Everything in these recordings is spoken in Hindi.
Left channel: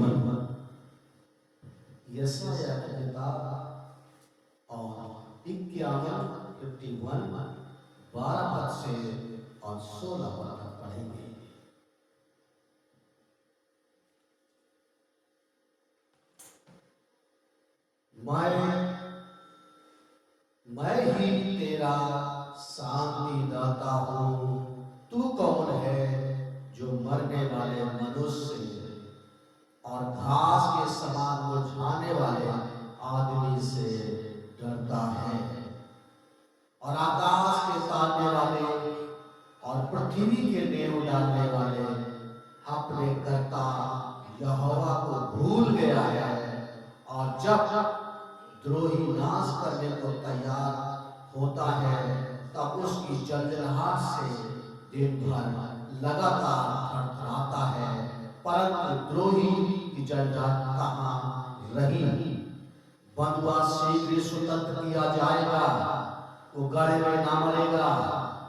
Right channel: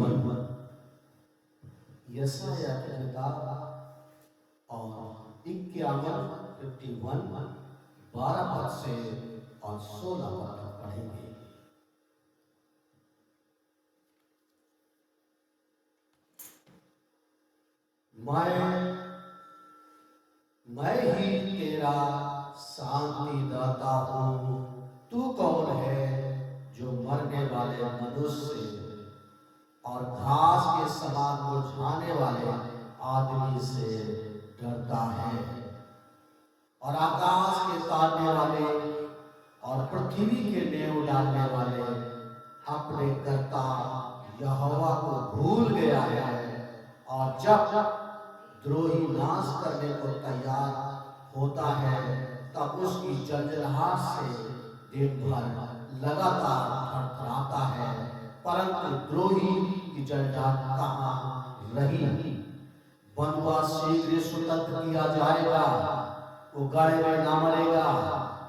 51 यशायाह की किताब और 51 12 पद से और 16 पद तक पढ़ेंगे। मैं ही तेरा शांति दाता हूँ। तू कौन है जो मरने वाले मनुष्य और घास के समान मुरझाने वाले आदमी से डरता है, और आकाश के तारने वाले और पृथ्वी के नेव डालने वाले अपने कर्ता यहोवा को भूल गया है, और जब द्रोही नाश करने को तैयार होता है तब उसकी जलजलाहट से दिन भर लगातार थरथराता है, परंतु द्रोही की जलजलाहट कहाँ रही। बंधुआ शीघ्र स्वतंत्र किया जाएगा, वो गड़े में ना मरेगा,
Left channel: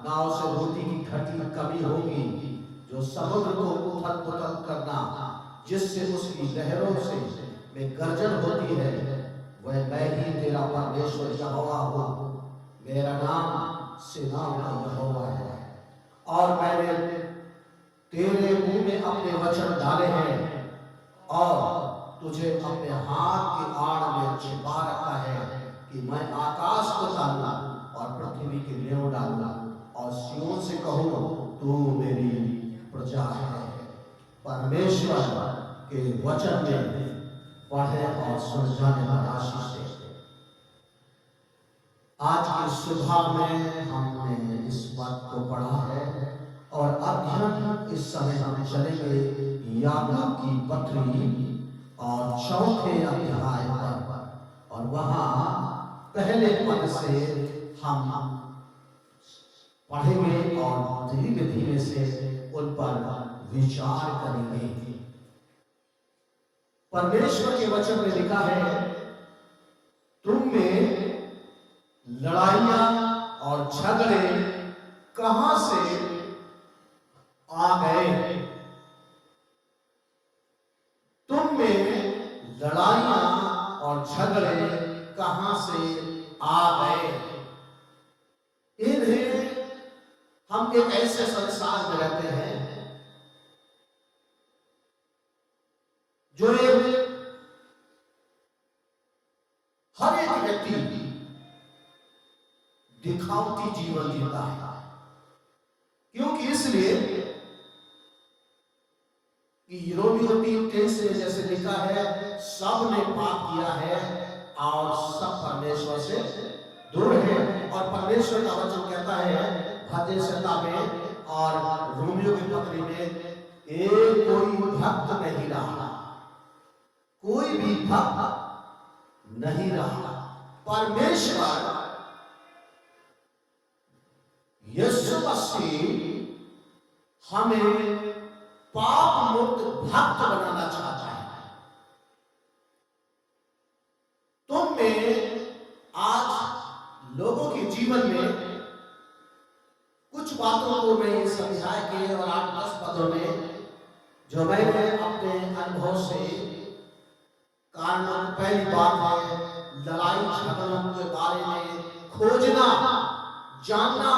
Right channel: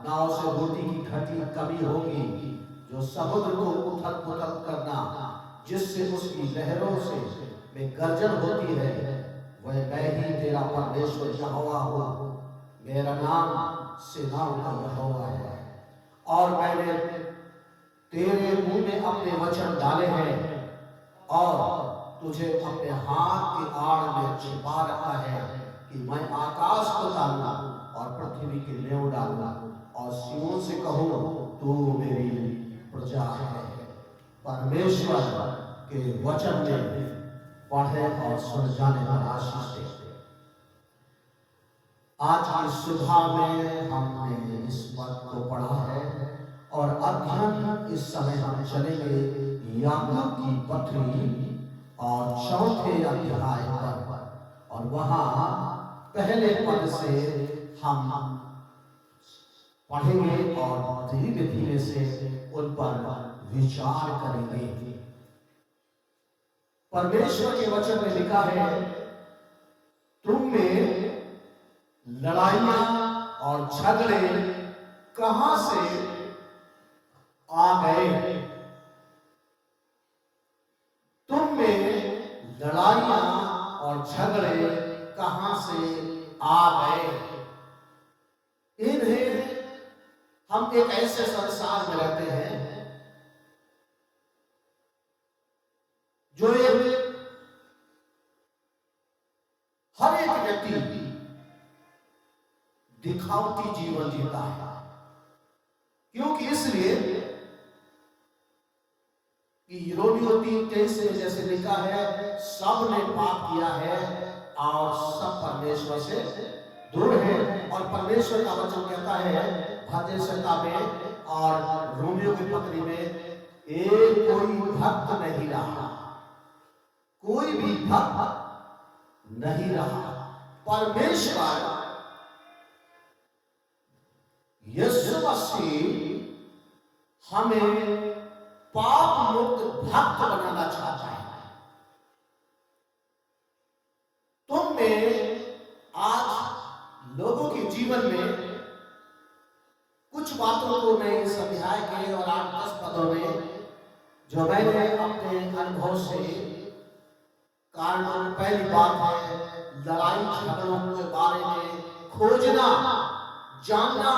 ना उसे रोटी की घटी कमी होगी। जो समुद्र को उथल पुथल करना जिससे उसकी लहरों से में गर्जन होती है, वह मैं ही तेरा परमेश्वर यहोवा हूँ। मेरा नाम सेनाओं का यहोवा है, और मैंने तेरे मुंह में अपने वचन डाले हैं और तुझे अपने हाथ की आड़ में छिपा रखा है, कि मैं आकाश को डालूं और पृथ्वी की नेव डालूं, और सियोन से कहूं तू मेरी प्रजा है। परमेश्वर के वचन में पढ़े और सुन जाने पर आशीष दे। आज की सुबह में हमने इस बात को पढ़ा है, और अध्ययन इस समय हम चलेंगे याकूब की पत्री और चौथे अध्याय पर, और वहां पहले पद से हम पढ़ेंगे और धीरे धीरे से उन पर विचार करेंगे। परमेश्वर के वचन में लिखा है, तुम में लड़ाइयां और झगड़े कहां से आ गए? तुम में लड़ाइयां और झगड़े कहां से आ गए? इन्हें हम एक ऐसे संसार में रहते हैं जो हर एक व्यक्ति दिखावटी जीवन जीता है। क्योंकि इसलिए कि रोमियो 3:23 से जैसे लिखा है, सब ने पाप किया है और सब परमेश्वर से दूर है। और परमेश्वर का वचन कहता है भजन संहिता में और रोमियो की पत्री में, एक कोई भक्त नहीं रहा, कोई भी भक्त नहीं रहा। परमेश्वर यीशु मसीह हमें पाप मुक्त भक्त बनाना चाहता है। तुम में आज लोगों के जीवन में कुछ बातों को मैं इस अध्याय के और 8-10 पदों में जो मैंने अपने अनुभव से कारण, पहली बात है लड़ाई झगड़ों के बारे में खोजना, जानना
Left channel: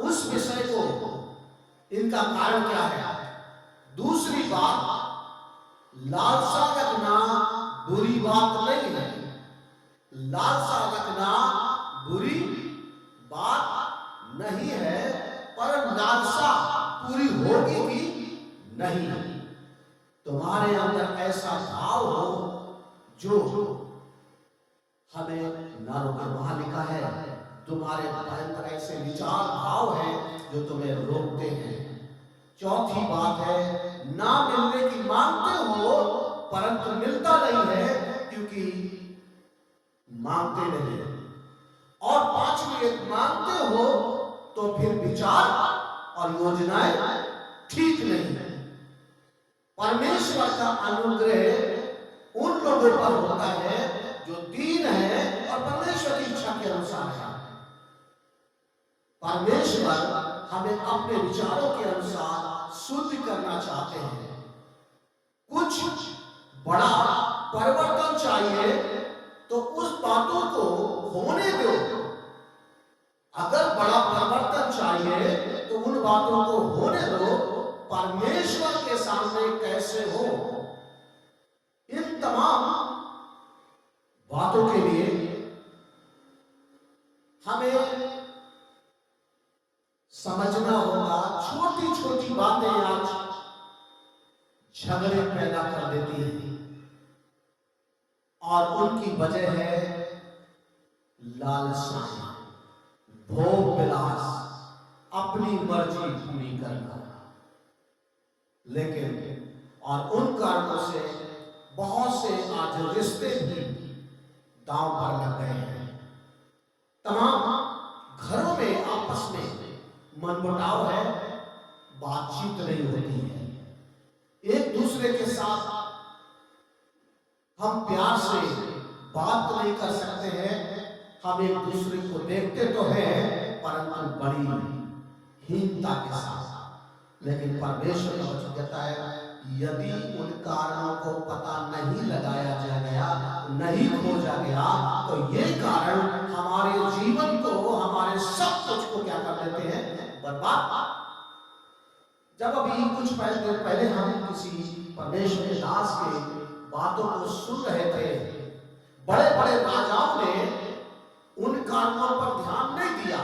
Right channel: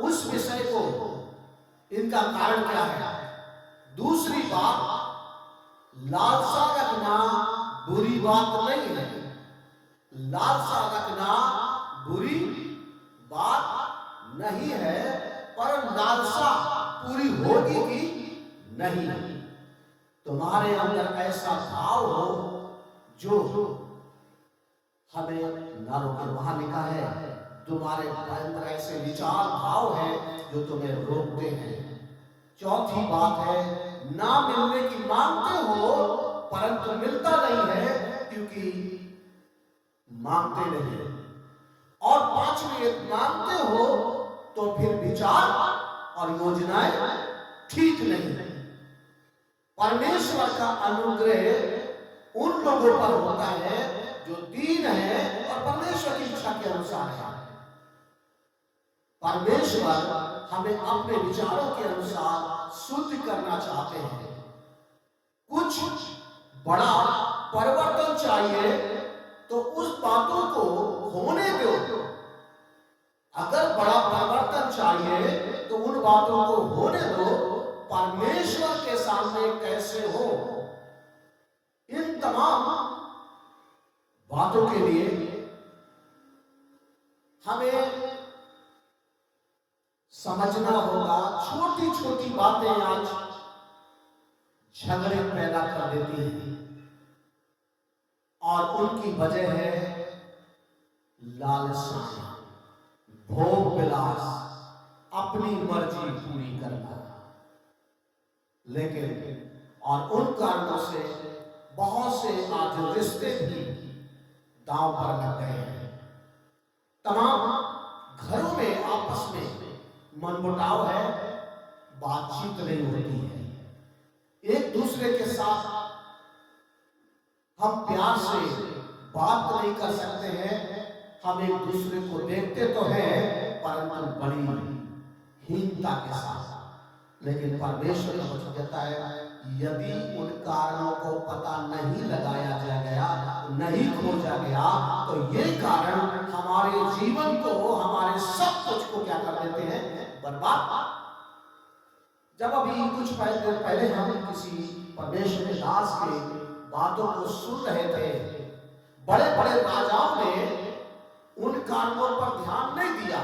उस विषय को, इनका कारण क्या है। दूसरी बात, लालसा रखना बुरी बात नहीं है, लालसा रखना बुरी बात नहीं है, पर लालसा पूरी होगी कि नहीं। तुम्हारे अंदर ऐसा भाव हो जो हमें ना रोके। वहां लिखा है तुम्हारे अंदर ऐसे विचार भाव है जो तुम्हें रोकते हैं। चौथी बात है, ना मिलने की मांगते हो परंतु मिलता नहीं है क्योंकि मांगते नहीं। और पांचवी, एक मांगते हो तो फिर विचार और योजनाएं ठीक नहीं। परमेश्वर का अनुग्रह उन लोगों पर होता है जो दीन है और परमेश्वर की इच्छा के अनुसार है। परमेश्वर हमें अपने विचारों के अनुसार शुद्ध करना चाहते हैं। कुछ बड़ा परिवर्तन चाहिए तो उस बातों को होने दो। अगर बड़ा परिवर्तन चाहिए तो उन बातों को होने दो। परमेश्वर के सामने कैसे हो? इन तमाम बातों के लिए हमें समझना होगा। छोटी छोटी बातें आज झगड़े पैदा कर देती हैं और उनकी वजह है लालसा, भोग विलास, अपनी मर्जी पूरी करना। लेकिन और उन कारणों से बहुत से आज रिश्ते भी दांव पर लग गए हैं। तमाम घरों में आपस में मनमुटाव है, बातचीत नहीं होती है। एक दूसरे के साथ हम प्यार से बात नहीं कर सकते हैं। हम एक दूसरे को देखते तो हैं परंतु बड़ी हीनता के साथ। लेकिन परमेश्वर का वचन कहता है यदि उन कारणों को पता नहीं लगाया गया, नहीं खोजा गया, तो ये कारण हमारे जीवन को, हमारे सब कुछ को क्या कर देते हैं? बर्बाद। जब अभी कुछ पहले हम किसी परमेश्वर के दास के बातों को सुन रहे थे, बड़े बड़े राजाओं ने उन कारणों पर ध्यान नहीं दिया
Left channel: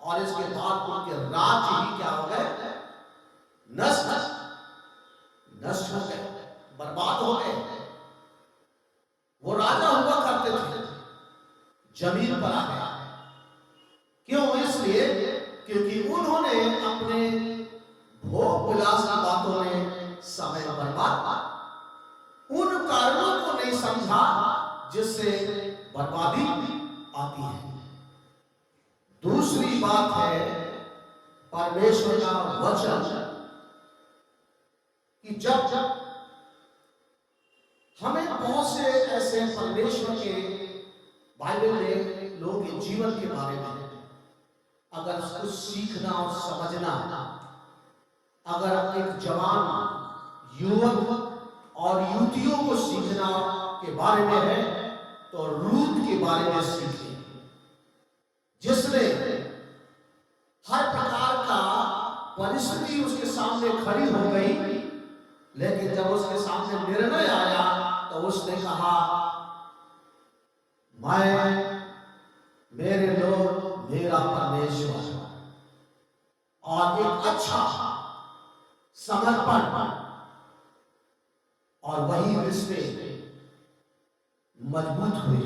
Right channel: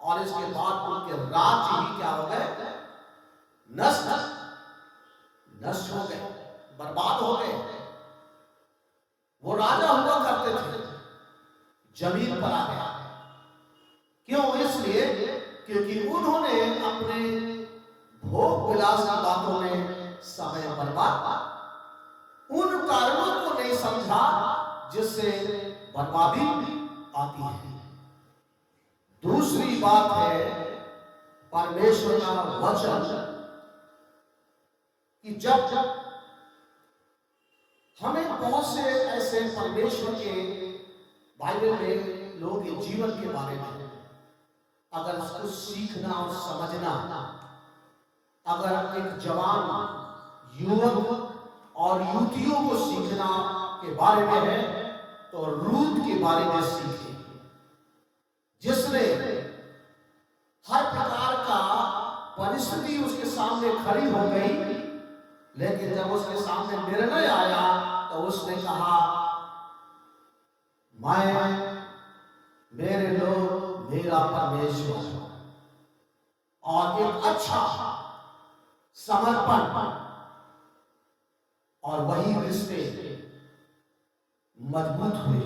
और इसके बाद उनके राज्य ही क्या हो गए? नष्ट हो गए, बर्बाद हो गए। वो राजा हुआ करते थे, जमीन पर आ गया। क्यों? इसलिए क्योंकि उन्होंने अपने भोग विलास की बातों में समय बर्बाद, उन कारणों को नहीं समझा जिससे बर्बादी आती है। दूसरी बात है परमेश्वर का वचन कि जब हमें बहुत से ऐसे परमेश्वर के बाइबल में लोगों के जीवन के बारे में अगर कुछ सीखना और समझना, अगर एक जवान युवक और युवतियों को सीखना के बारे में है तो रूत के बारे में सीखें, जिसने हर प्रकार का परिस्थिति उसके सामने खड़ी हो गई, लेकिन जब उसके सामने निर्णय आया तो उसने कहा मैं, मेरे लोग, मेरा परमेश्वर, और एक अच्छा समर्पण, और वही रिश्ते मजबूत हुए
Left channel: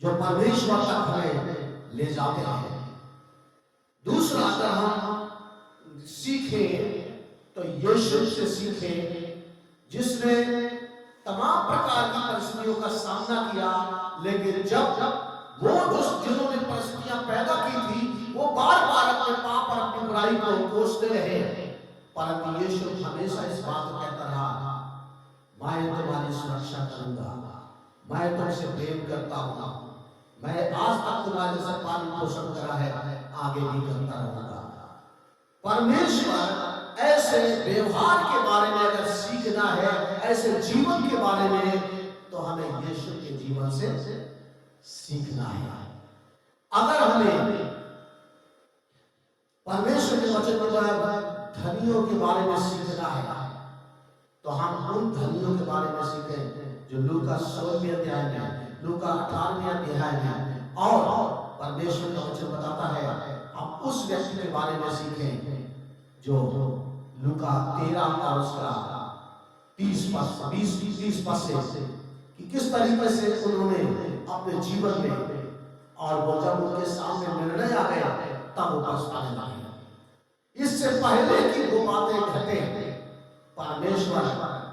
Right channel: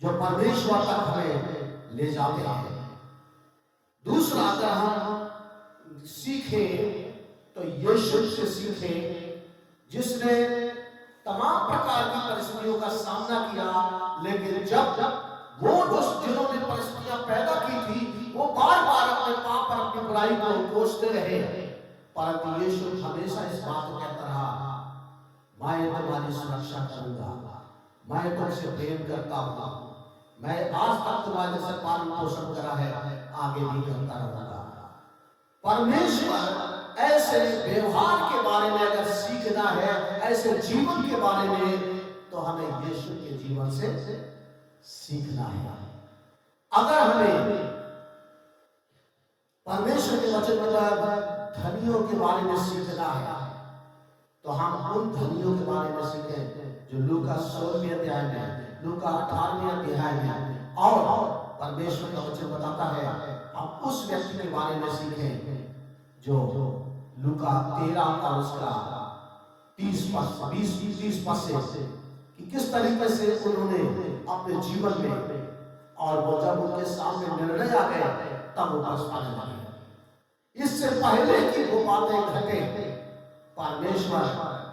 जो परमेश्वर तक हमें ले जाते हैं। दूसरा अगर हम सीखें तो यीशु से सीखें, जिसने तमाम प्रकार की परिस्थितियों का सामना किया, लेकिन जब वो जिन्होंने परिस्थितियां पैदा की थी वो बार बार अपने पाप और अपनी बुराई को कोसते रहे, परंतु यीशु हमेशा इस बात को कहता रहा मैं तुम्हारी सुरक्षा करूंगा, मैं तुमसे प्रेम करता हूं, मैं आज तक तुम्हारे से पालन पोषण करा है, आगे भी करता रहूंगा। परमेश्वर ऐसे व्यवहार के बारे में अगर सीखना है, ऐसे जीवन के बारे में, तो हमें यीशु के जीवन से सीखना है। अगर हमें परमेश्वर के वचन पर धनियों के बारे में सीखना है तो हम उन धनियों के बारे में सीखें जो लूका 16वें अध्याय में, लूका 18वें अध्याय में, और परमेश्वर का वचन बताता है हम उस व्यक्ति के बारे में सीखें जो लूका 13 और उसका 20 पद से कि किस तरीके से उन्होंने अपने जीवन में, और वो जब उनके सामने निर्णय आ गया तब वो पछताने लगे। इससे पहले कि वो बातें घटे, परमेश्वर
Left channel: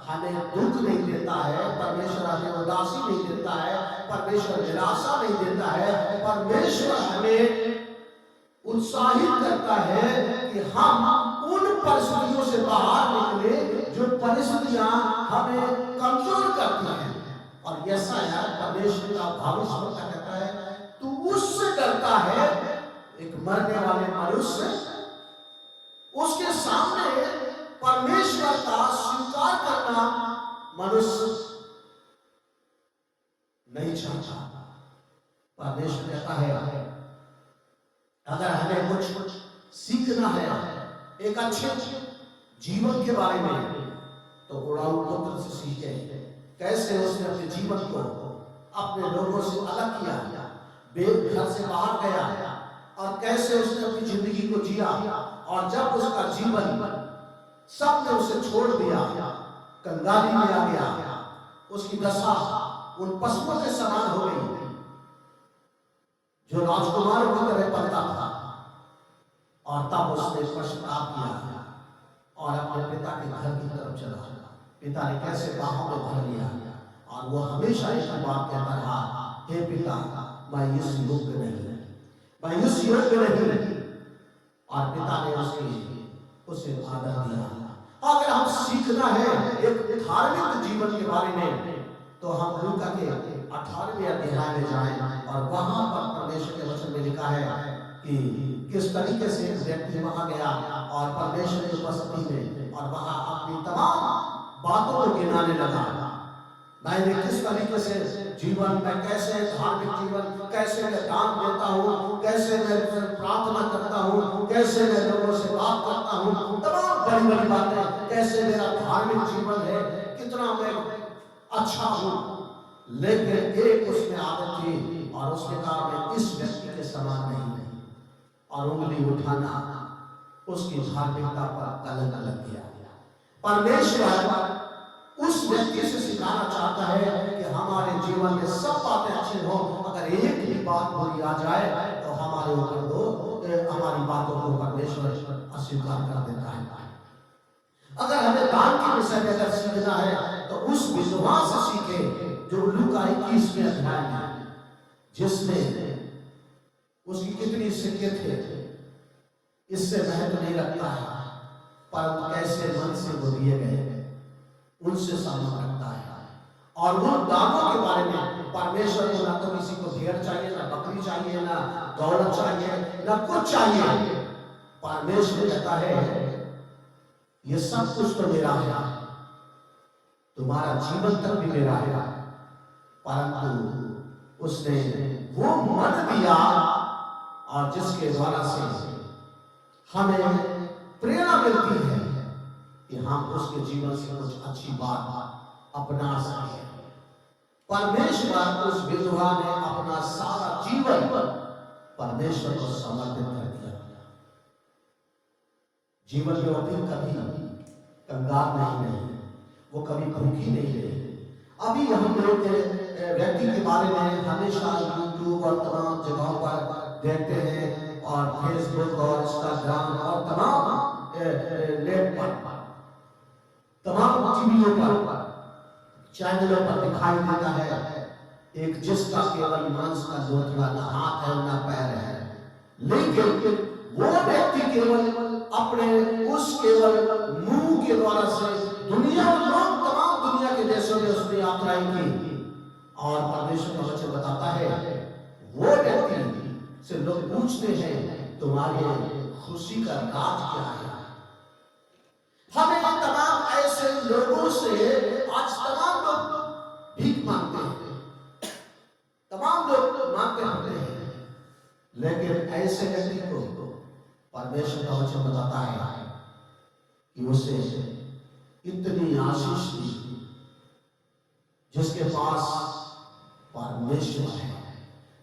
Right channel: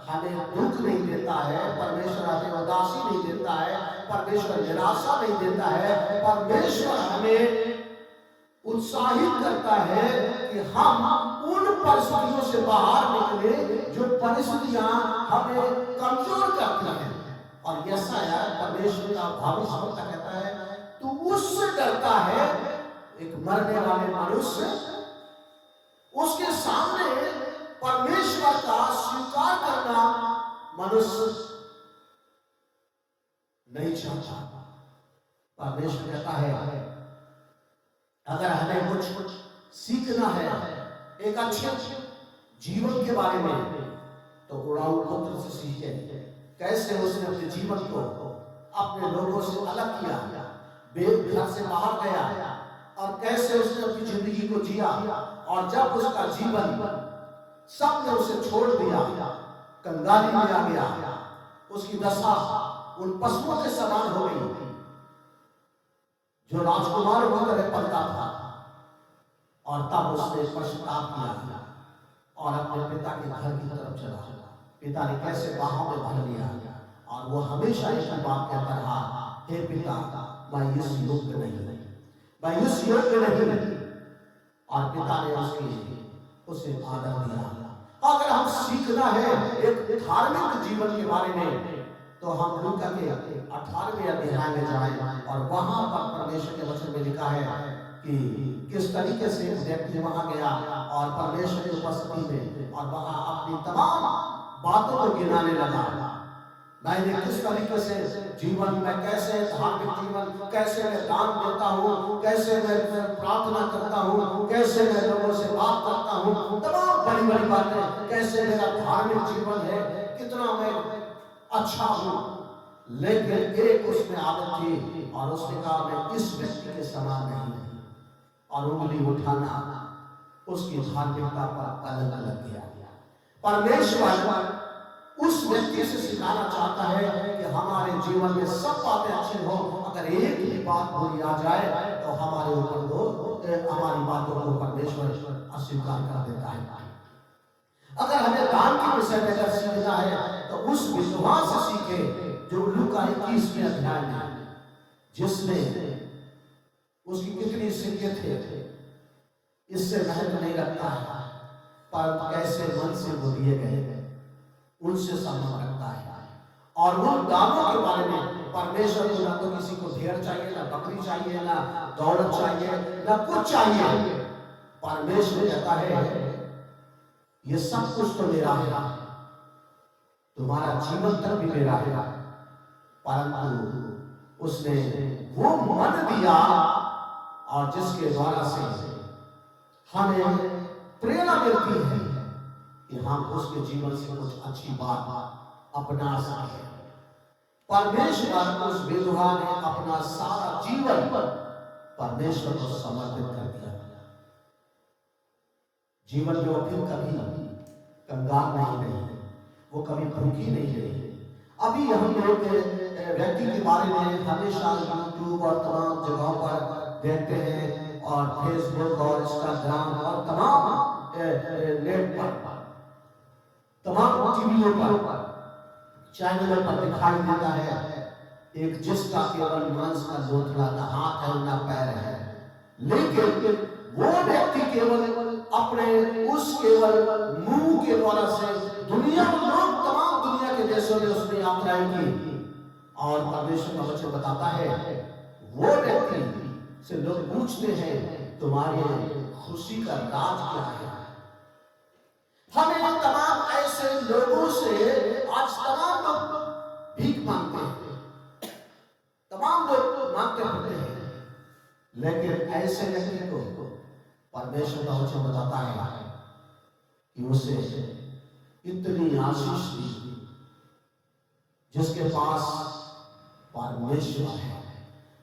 हमें दुख नहीं देता है, परमेश्वर हमें उदासी नहीं देता है, परमेश्वर निराशा नहीं देता है, परमेश्वर हमें उत्साहित करता है कि हम उन परिस्थितियों से बाहर निकले जो परिस्थितियां हमें कमजोर करती हैं। और यशायाह परमेश्वर का भविष्यवक्ता कहता है तू उससे डरता है, एक मरने वाले मनुष्य, उसके सामने परमेश्वर का स्वीकार करना परमेश्वर कहता है अगर हमें कुछ सीखना है एक अच्छे जीवन के बारे में तो उड़ाऊ पुत्र से सीखे, कैसे उसने अपने जीवन को अपने लोगों से अलग किया, घर से बाहर गया और कैसे उसने अपनी जिंदगी को जिया। और जब उसका जीवन सबने उसे छोड़ दिया, कंगाली में आ गया, उसकी दशा उन पशुओं के समान हो गई जो राजकुमारों की तरह पकड़ा था। और तब उसने पश्चाताप किया और अपने पिता के घर की तरफ चला। पिता ने कैसे बाहों में भर लिया और वो हमेशा एक बात कहता रहा, हे पिता मैं इस योग्य नहीं, मैं इस योग्य नहीं। और पिता ने उसे आदर दिया। अगर हम सीखना है एक धार्मिक जीवन के बारे में तो हम लूका के 18वें अध्याय में जाएं और वहां पर परमेश्वर के वचन में लिखा है कि किस तरीके से एक व्यक्ति वहां गया और परमेश्वर की उपस्थिति में और वहां अपनी तमाम बातों को गिनाने लगा। मैंने किस तरीके से जीवन में, कैसे धार्मिक जीवन, कैसे मैं दान देता हूँ, कैसे मैं प्रार्थना करता हूँ, कैसे मैं लोगों से बात करता हूँ, तमाम बड़ी बड़ी बातें, कैसे मेरा धार्मिक जीवन है, कितना मैं अच्छा हूँ। लेकिन एक उसमें आदत थी और उसने कहा मैं इस व्यक्ति के समान नहीं हूँ, और उंगली उठाना उसकी धार्मिकता पर अलग अलग किया। परमेश्वर उस व्यक्ति से सिखाना चाहता है कि हमारे जीवन में सब बातें अच्छी हो, अगर एक भी बात बुरी आ जाए तो हमारे ऊपर हमारी बातों को परमेश्वर अस्वीकार कर देता है। अगर हमें दान के विषय में अगर सीखना है तो उस विद्वान से सीखे जो लूका 21वें अध्याय में, जिसने उसकी कितनी सिद्धियत है इससे महत्व नहीं रखता है, परंतु कैसे मन से वो दिए गए उनसे संबंध रखता है। और वो दानों के बारे में परमेश्वर को ना तो किसी को भेड़ चाहिए, ना बकरी चाहिए, ना दौलत चाहिए, ना कुछ चाहिए। परमेश्वर कहता है ये सब कुछ तो मेरा है, तुम्हारा जीवन तक भी मेरा है, परंतु उसने वो मन दिया और जिसके द्वारा से हमें प्रेरणा मिलती है कि हम उसके जीवन से कुछ अच्छी बात अपना सकें। परमेश्वर उस विधवा ने अपना सारा जीवन परमेश्वर को समर्पित कर दिया। जीवन में वो फिर कभी कंगाल नहीं रही, वो कभी भूखी नहीं रही। अभी हम लोग व्यक्ति के बारे में हमेशा यूट्यूब और तमाम जगहों पर देखते हैं और फेसबुक और इंस्टाग्राम और तमाम नेट पर, तमाम टीवियों पर, चैनलों पर दिखाई देता है एक जिसका केवल मांस का लोथड़ा, ना हाथ है ना पैर है, लेकिन वो व्यक्ति केवल अपने उस केवल मुंह के द्वारा से दुनिया में लोग तमाम दुनिया के देशों में उसने यात्राएं की। और परमेश्वर का वचन बताता है वो व्यक्ति से लोग पूछते हैं तुम्हारी खुशी का राज क्या है। हमें तमाम ऐसे लोगों से आज तमाम लोग भीख मांगते हैं, तमाम लोग मांगते होते हैं, लेकिन ऐसे व्यक्ति को परमेश्वर का वचन बताता है कि उसे इतनी आशीष दी जिसके पास परमेश्वर है।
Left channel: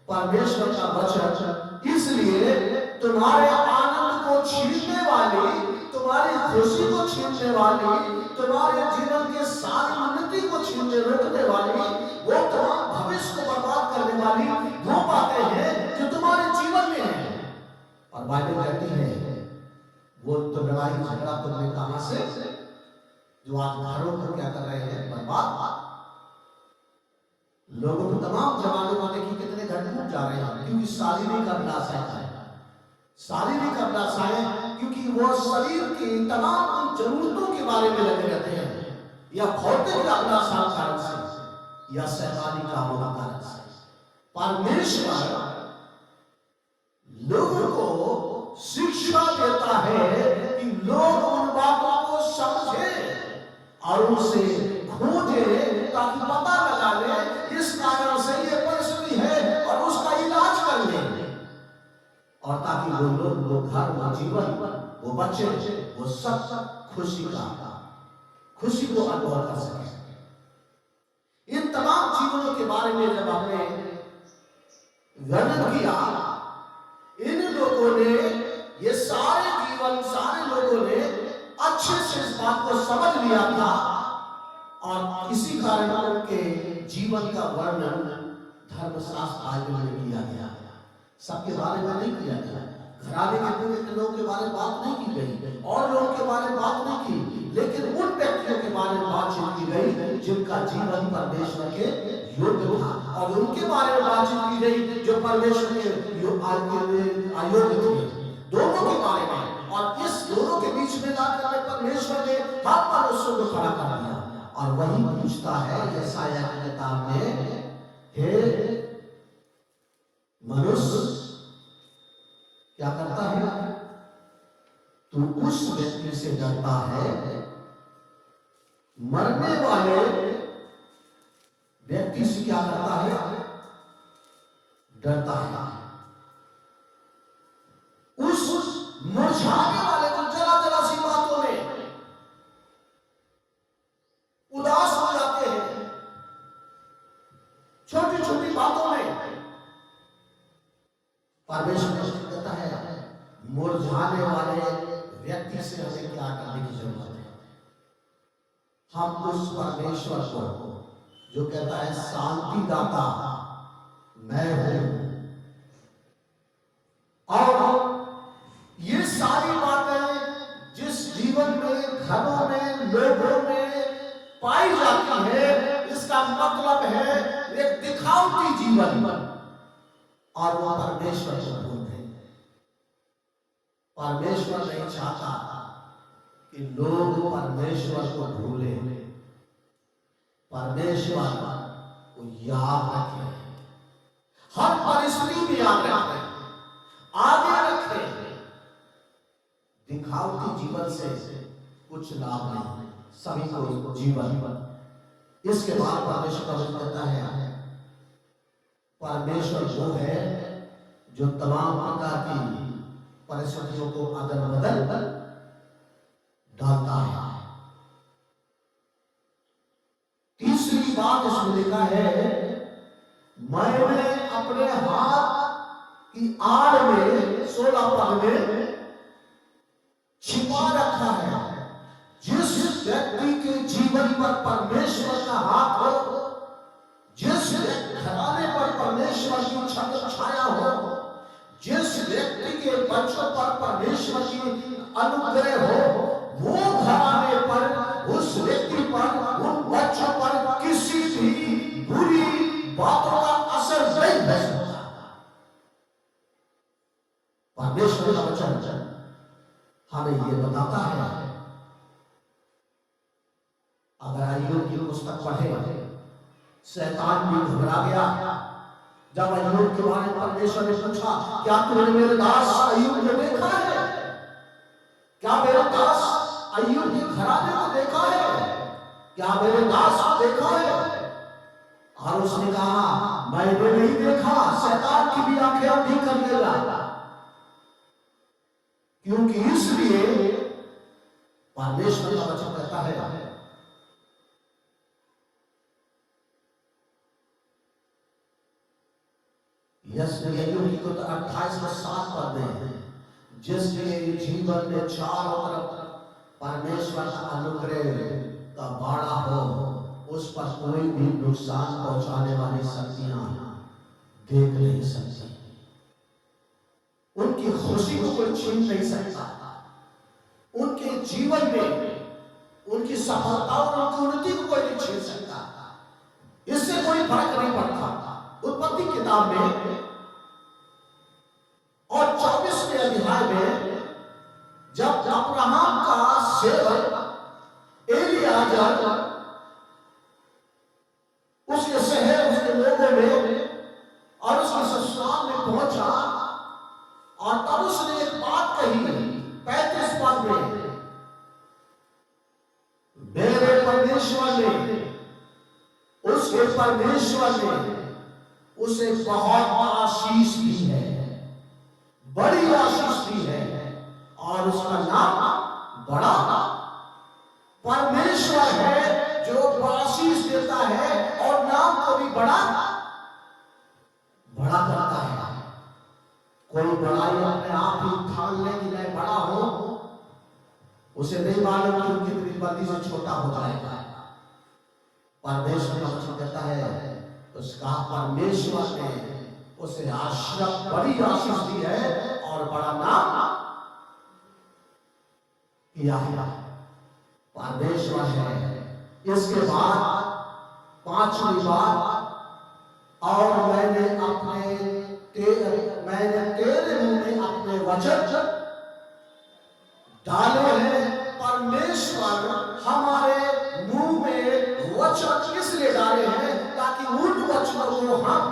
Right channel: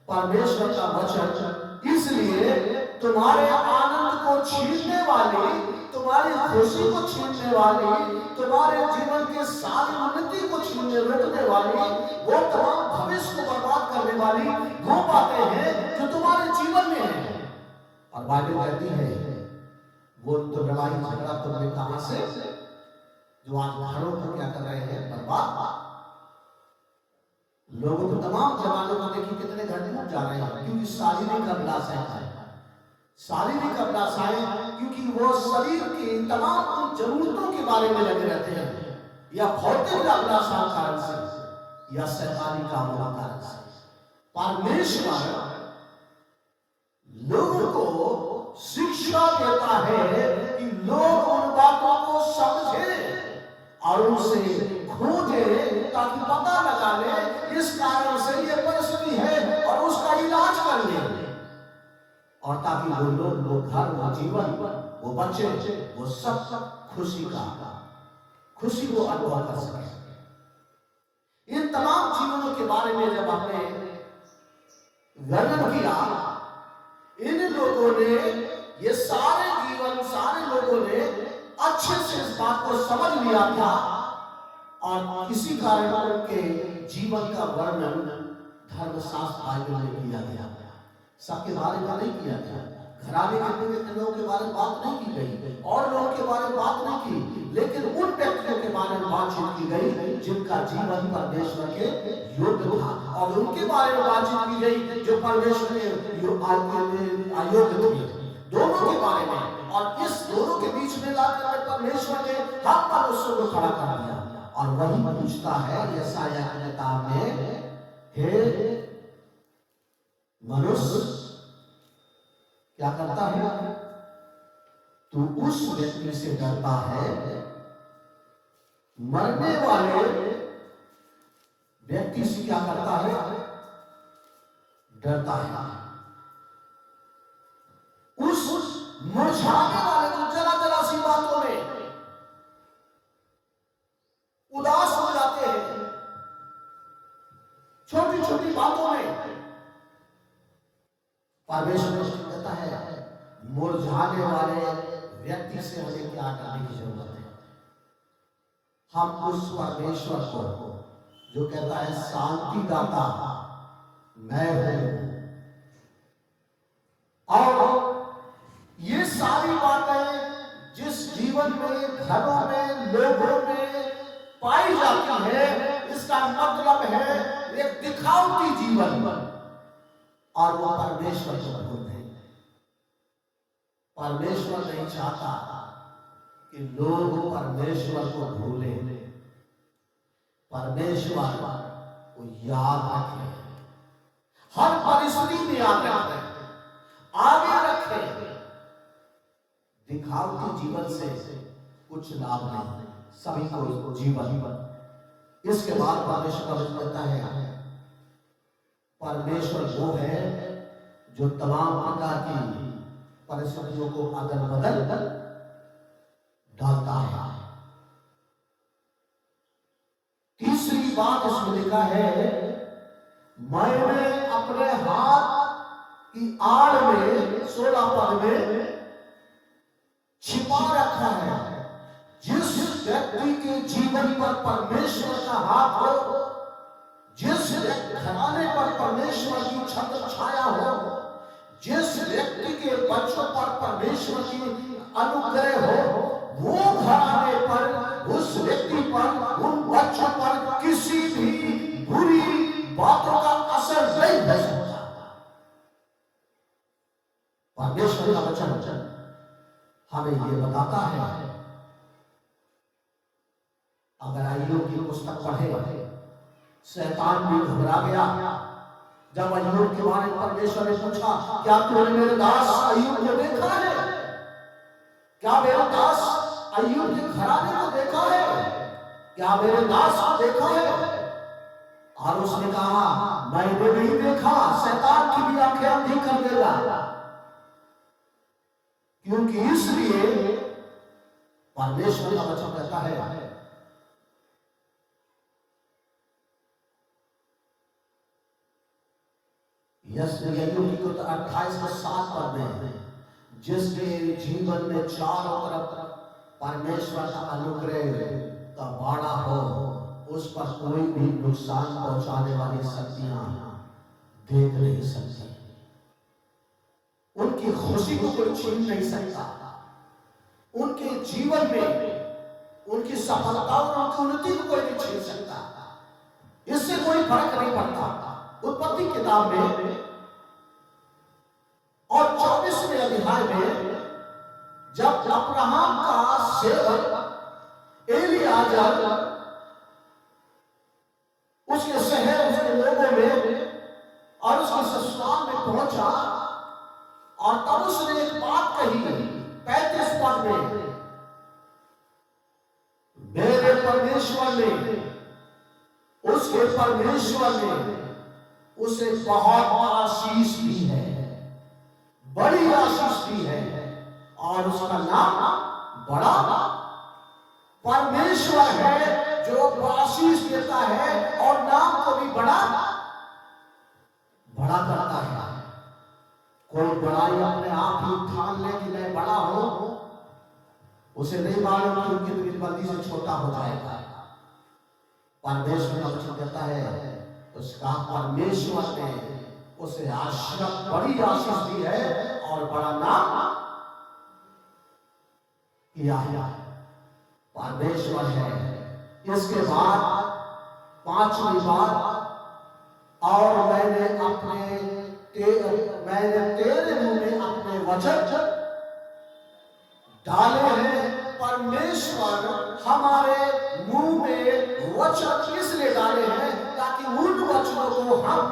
परमेश्वर का वचन इसलिए तुम्हारे आनंद को छीनने वाली, तुम्हारी खुशी को छीनने वाली, तुम्हारे जीवन के सारी उन्नति को छीनने रोकने वाली, वो तमाम भविष्य को बर्बाद करने वाली वो बातें हैं जो तुम्हारे जीवन में है। और बाइबल कहती है वो तो लड़ाई झगड़ा तुमने कहां से, जो आज घरों को क्या कर रहे हैं बर्बाद। लोगों को तमाम जवानों को देखिए कितने घर में जा रहे हैं, क्योंकि शारीरिक अभिलाषाएं हैं, शारीरिक अभिलाषाएं, क्योंकि वो शरीर की तमाम जरूरतों के बारे में लगे रहते हैं, या भौतिक अभिलाषा कारण से या शैतानी कामों के कारण से। परमेश्वर लोगों को शिक्षा देता है कि लोग उन बातों को समझे और उसे खोजे ताकि पता लगा ले इस कारण से ये परिस्थिति है और उसका इलाज कर ले, और ताकि वो लोग, वो घर, वो जीवन, वो बच्चे, वो सब खुशी को अनुभव कर सके। इन तमाम जीवनों के बारे में जब हमने वर्णन किया, इन लोगों ने, ये सारे जीवन, सारे लोगों ने अच्छे से इस बात को समझ लिया था, और इसी कारण उनके जीवन का वर्णन धर्मशास्त्र बाइबल में किया गया। सबके बारे में नहीं किया गया, घराने के लोगों के बारे में बात नहीं की गई, और लोगों के बारे में बात नहीं की, लेकिन उन व्यक्तियों के बारे में बातचीत की गई जिनका जीवन परमेश्वर के योग्य था, और उनके बारे में बातचीत की गई जो परमेश्वर के अयोग्य थे, दोनों के बारे में। और इस दोनों के बीच में लाकर परमेश्वर ने हर मनुष्य को खड़ा कर दिया, और वही पूछता है यशायाह की किताब में, हे मनुष्य क्या करता है, तू उस व्यक्ति से डरता है, मरने वाले व्यक्ति से क्या करता है, डरता है। उस मुरझाने वाले को जरा सी बातों में उदास हो जाते हैं, छोटी छोटी बातों में। परमेश्वर कहता है मुरझाने वाले व्यक्ति से हमें क्या करने की जरूरत है। हम उस परमेश्वर को जो कहता है शांति दाता मैं हूं, और ये सारी बातें जिस जीवन में, घरों में, लोगों में पाई जाती है, इसका मतलब है एक दिखावटी जीवन, और वो परमेश्वर को भूल गए। परमेश्वर नहीं चाहता कि लोग परमेश्वर को भूले, परमेश्वर को याद रखें, हर परिस्थिति में याद रखें, आगे रखें। दिखावटी जीवन से कुछ लाभ नहीं, सभी को जीवन। इसके बाद परमेश्वर कहता है परमेश्वर वो है जो तमाम प्रकार की परिस्थितियों को अदल बदल डालता है। तीसरी बात इसमें लिखा है, मैंने अपने हाथ की आड़ में 16 पद में छिपा रखा है। जिस व्यक्ति के जीवन पर परमेश्वर का हाथ हो, जिस घराने पर परमेश्वर की छत्र छाया हो, जिस व्यक्ति के बच्चों पर परमेश्वर की अनुग्रह हो, वो घराने पर, उस व्यक्ति पर, उन बच्चों पर किसी भी बुरी बातों का असर नहीं हो सकता। परमेश्वर का वचन हमें ये बताता है। अगर अय्यूब की पुस्तक पढ़े, शैतान भी घबरा गया। जब अय्यूब के बारे में परमेश्वर ने पूछा, क्या तुमने मेरे दास अय्यूब को देखा है? क्या मेरे दास अय्यूब के घराने को देखा है? क्या मेरे दास को देखा है? और उसने कहा, मैंने नहीं देखा, शैतान की भी आंखें अंधी कर देगा। क्योंकि इसलिए परमेश्वर का वचन कहता है, अय्यूब की 28:7 पद में, जिसके जीवन में चारों तरफ परमेश्वर का अनुग्रह का बाड़ा हो, उस पर कोई भी नुकसान पहुंचाने वाली शक्तियां देख नहीं सकती। उनकी खुशी को कोई छीन नहीं सकता। उनके जीवन में उनकी सफलता और उनकी उन्नति को कोई नहीं छीन सकता। इससे कोई फर्क नहीं पड़ता। उत्पत्ति किताब में और 24वें अध्याय में जब अब्राहम का सेवक एलीआजर उसके शहर, उसके लोगों में और उसके ससुराल में पहुंचा, और तब उसने एक बात कही 35 पद में, मेरे परमेश्वर उसके परमेश्वर ने उसे बहुत आशीष दी है, बड़ी आशीष दी है, और उसका नाम बड़ा परमेश्वर है जो आशीष देता है और नाम को भी बड़ा बड़ा करता है। कोई बड़ाई अपने आप ही ठान ले कि मैं बड़ा हूं, उसे नहीं मालूम कि उनकी प्रतिपत्ति से छोटा हो जाएगा। परमेश्वर का वचन कहता है उसका परमेश्वर ने उसे बड़ी आशीष दी है और बड़ा नाम किया है। परमेश्वर है। इसके बाद पांचवी बात, और मैंने तेरे मुंह में अपने वचन डाले हैं। परमेश्वर हमारे मुंह में वचन इसलिए डाले हैं ताकि उन वचनों को हम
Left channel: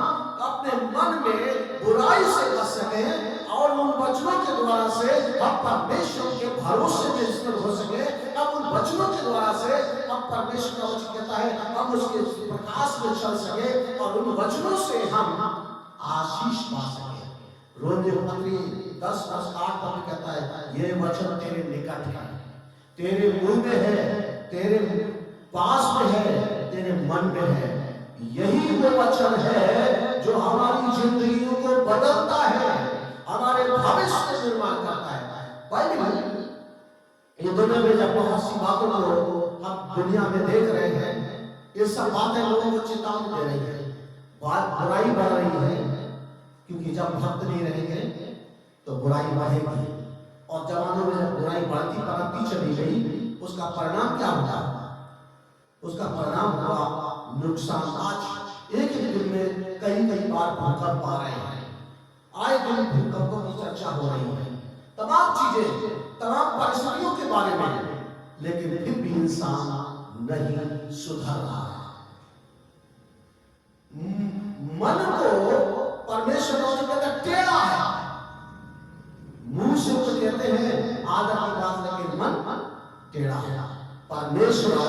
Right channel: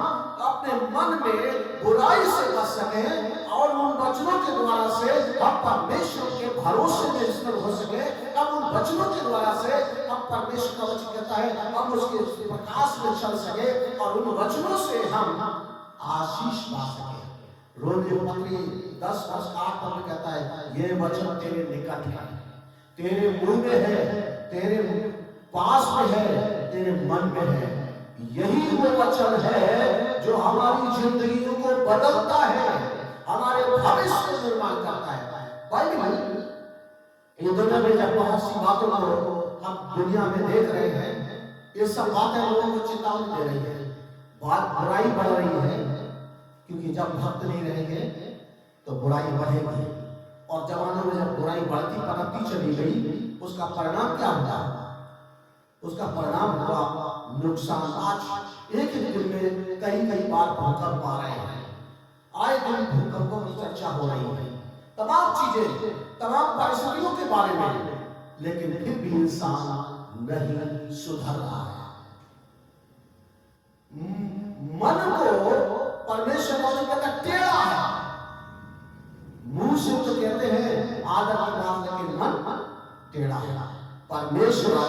अपने मन में बुराई से बच सकें और उन वचनों के द्वारा से हम परमेश्वर के भरोसे में स्थिर हो सके। अब उन वचनों के द्वारा से हम परमेश्वर का वचन कहता है अब उसके प्रकाश में चल सके और उन वचनों से हम आशीष पा सके। रोमियो पत्री 10:8 में कहता है ये वचन तेरे निकट है, तेरे मुंह में है, तेरे पास में है, तेरे मन में है। यही वो वचन है जो हमारी जिंदगियों को बदलता है, हमारे भविष्य का निर्माण करता है। भाई ये दुनिया में जब बहुत सी बातों को हम दुनिया में देख रहे हैं, ये सब बातें लोगों को चेतावनी दे रही है, बात बुराई बढ़ रही है, क्योंकि जब भक्त नहीं रहेंगे तो बुराई बढ़ेगी। और जमाने में जब बुराई बढ़ती बढ़ती चली गई, उसका परिणाम क्या हुआ? उसका परिणाम हुआ नुकसान। आज एक दिन में कई बार भूकंप आ रहे हैं, आए दिन भूकंपों की चर्चा हो रही है, तमाम चीजें, तमाम परिस्थितियों के बारे में, लेकिन फिर भी इंसान नहीं सुधर रहा है। मन को परमेश्वर कहता टेढ़ा है, मुंह से तो कहते हैं आदर की बात, लेकिन मन टेढ़ा है। परमेश्वर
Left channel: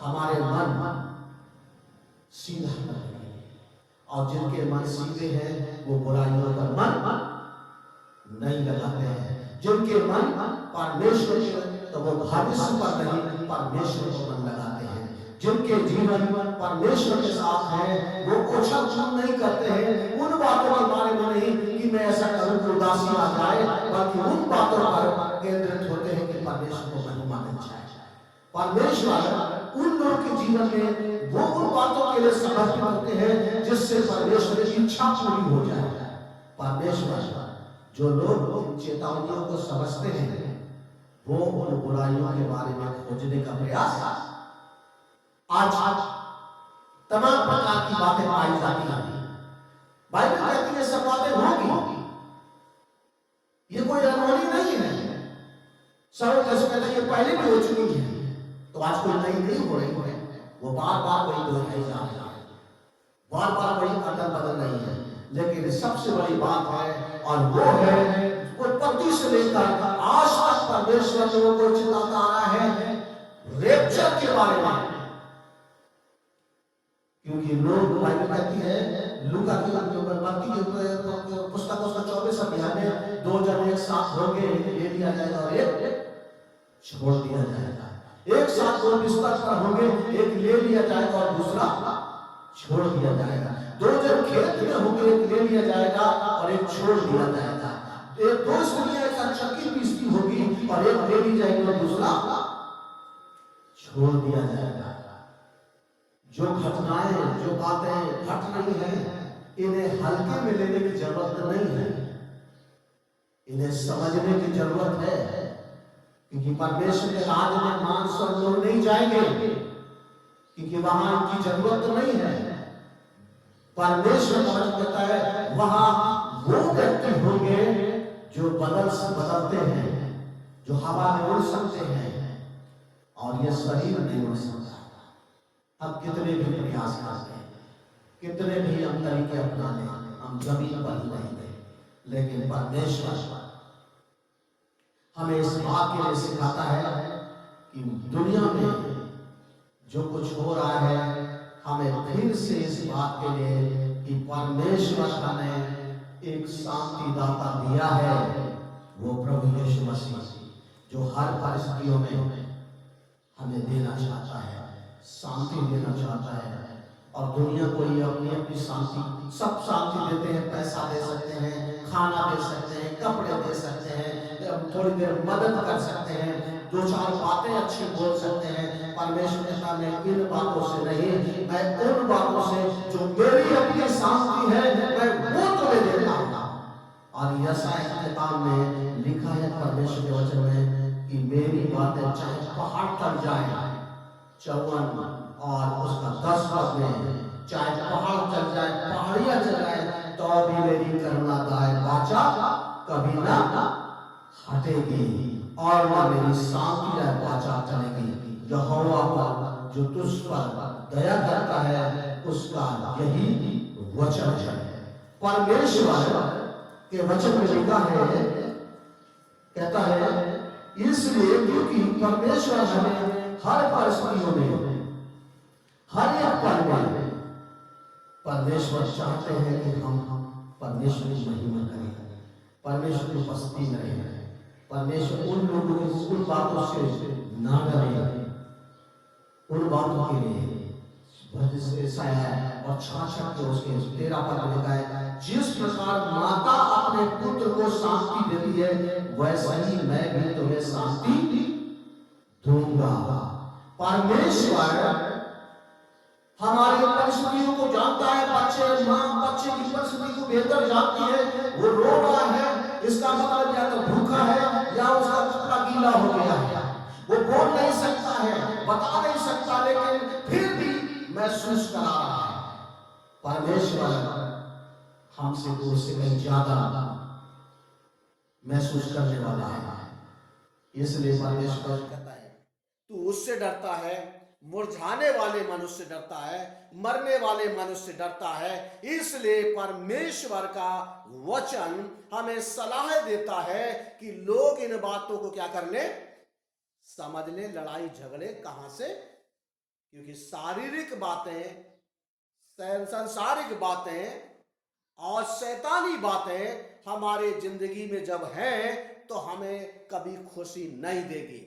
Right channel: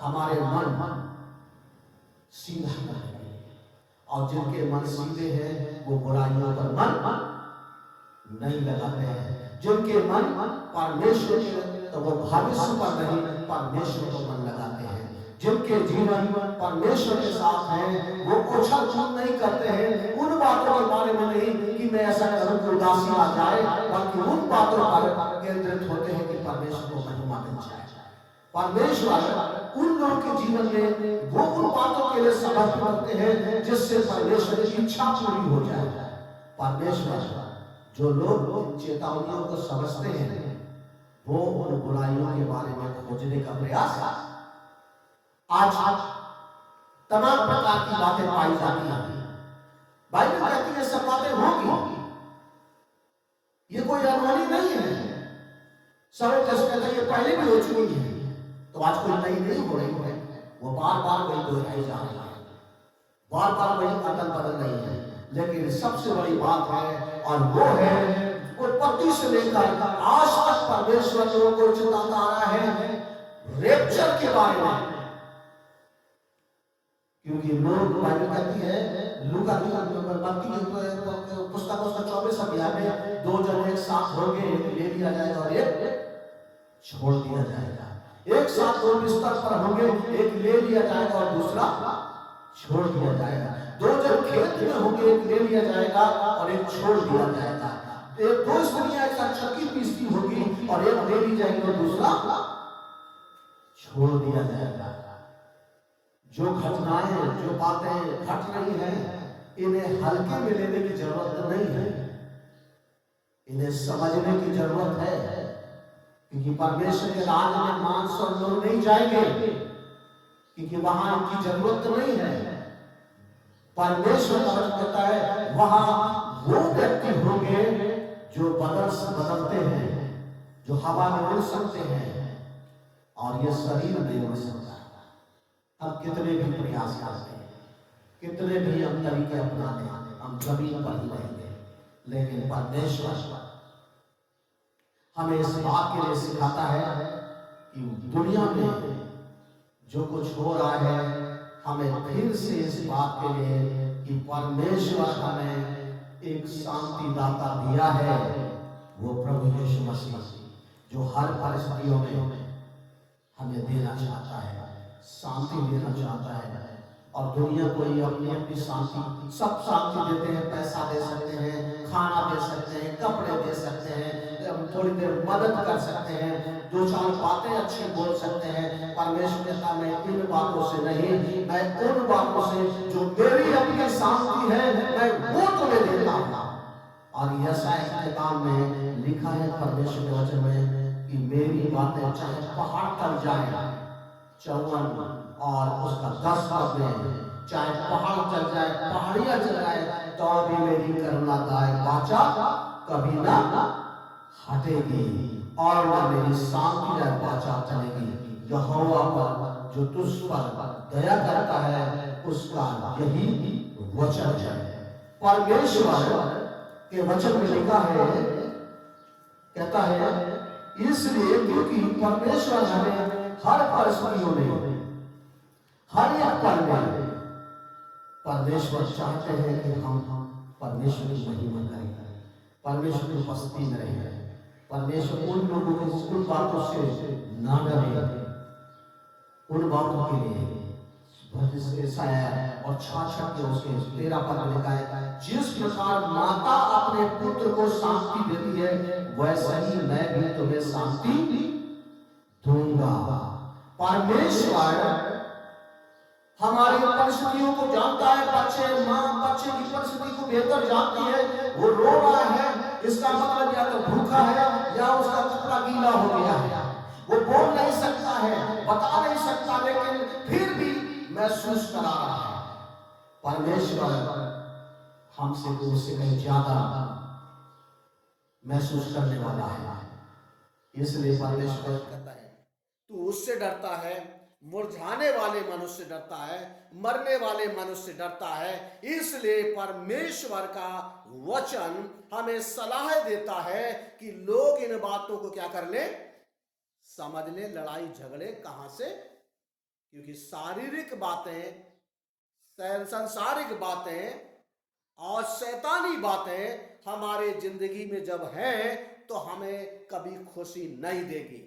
हमारे मन सीधा करेंगे, और जिनके मन सीधे हैं वो बुराइयों पर मन नहीं लगाते हैं। जिनके मन परमेश्वर के, तो वो भविष्य पर नहीं परमेश्वर को मन लगाते हैं। जिनके जीवन परमेश्वर के साथ है वो उछल कूद नहीं करते हैं, उन बातों के बारे में नहीं कि मैं ऐसा करूं कि उदासी आ जाए, बल्कि उन बातों पर केंद्रित होते हैं कि परमेश्वर को महिमा मिल जाए। परमेश्वर उन लोगों के जीवन में वो उन बातों के लिए समर्पित होते हैं जिससे परमेश्वर की इच्छा पूरी हो जाए। परमेश्वर जो लोग चेतावनियों को समझते हैं वो उन बुराइयों के बारे में खोजने का प्रयास, आज तमाम प्रकार की बातें पाई जाती हैं। बाइबल कहती है सब बातें होंगी, ये कोई अनहोनी नहीं है। सब कहते हैं ये पहले भी हो चुकी है, तो आज कोई नई नहीं हो रही है, वो बार बार वही दोहराई जा रही है, बार बार वही अदल बदल रही है। लेकिन सबसे बड़ी बात है, और वो है उत्पत्ति से लेकर आज तक परमेश्वर लोगों को चिताता आ रहा है रैप्चर के बारे में। क्योंकि लोग बाइबल कहती है लूका की पुस्तक उसका 24 अध्याय में 2 जन एक साथ होंगे, एक ले लिया जाएगा और एक छोड़ दिया जाएगा। एक साथ 2 बिस्तर पर होंगे, एक ले लिया जाएगा और दूसरा छोड़ दिया जाएगा। 2 जन खेत में होंगे, एक ले लिया जाएगा और एक छोड़ दिया जाएगा। 2 स्त्रियां एक साथ चक्की पीसती होगी और एक ले ली जाएगी और दूसरा छोड़ दिया जाएगा। जो घटनाएं, जो बातें घट रही हैं, इन्हें हल्के में लेने की जरूरत नहीं है, इन्हें समझने की जरूरत है। क्योंकि परमेश्वर के राज में मांस और लोग नहीं जाएंगे, क्योंकि वहां इनकी जरूरत नहीं है। परमेश्वर का वचन कहता है वहां वो व्यक्ति होंगे जो बदलते हैं, जो हवा में उड़ सकते हैं, और ये शरीर नहीं उड़ सकता। हम कितने भी प्रयास करते हैं, कितने भी हम तरीके अपना लें, हम जमीन पर ही रहेंगे। लेकिन परमेश्वर हमें इस बात के लिए सिखाता है कि दुनिया में जो कुछ हो रहा है हमें फिर से इस बात के लिए कि परमेश्वर हमें एक शांतिदाता दिया है, वो प्रभु यीशु मसीह, जो हर परिस्थितियों में हमें देना चाहता है, शांति देना चाहता है। और दुनिया को ये अपनी अपनी शांति, सब शांति देते हैं, पैसा दे सकते हैं, खाना दे सकते हैं, कपड़े दे सकते हैं, हम थोड़ी देर मदद कर सकते हैं, दो चार बातें अच्छी बोल सकते हैं। परमेश्वर के सामने इन बातों से नहीं, मैं उन बातों से जो मेरी अपनी शांति है, मैं वो तुम्हें देता हूँ। और यशायाह की किताब में लिखा है परमेश्वर के वचन में कि मेरी बातें चाहे पहाड़ टल जाए, 54 और उसका 10 पद में, चाहे पहाड़ चल जाए, पहाड़ियां चल जाए, तो भी मेरी करुणा दायक वाचा कभी ना हटेगी और ना मेरी शांति दायक वाचा चलेगी। यहोवा पर जो तुझ पर दया करता है, उसका यही वचन है। परमेश्वर के वचन में लिखा है, कहता है, इसलिए क्योंकि परमेश्वर हमें हर परिस्थितियों में, हर एक पल में परमेश्वर चाहते हैं कि हम परमेश्वर की महिमा करें, परमेश्वर की उपस्थिति में रहें। परमेश्वर उन लोगों की उन बातों से ना डरे, उन बातों के लिए और 66 के उसके 13 पद में लिखा है, जिस प्रकार माता अपने पुत्र को शांति देती है, वैसे ही मैं भी तुम्हें शांति दूंगा। परमेश्वर हमारी परिस्थितियों को जानता है। बच्चे की परिस्थिति को बेहतर जानती है। वो रो रहा है, इसका मतलब या तो भूखा है या उसका कपड़ा गीला हो गया है। वो बोल नहीं सकता है, बता नहीं सकता, लेकिन फिर भी महसूस करा रहा है। परमेश्वर हमसे उससे कहीं ज्यादा महसूस करने वाला है। इसलिए परमेश्वर कहता है, तू उससे डरता है, मुरझाने वाले मनुष्य से डरता है, मरने वाले मनुष्य से डरता है। इसलिए परमेश्वर का वचन हमें सलाह देता है कि लोग इन बातों को क्या कर ले, समझ ले। लड़ाई झगड़े कहां से? क्योंकि शारीरिक बातें, सांसारिक बातें और शैतानी बातें हमारे जिंदगी में जब हैं तो हमें कभी खुशी नहीं देगी।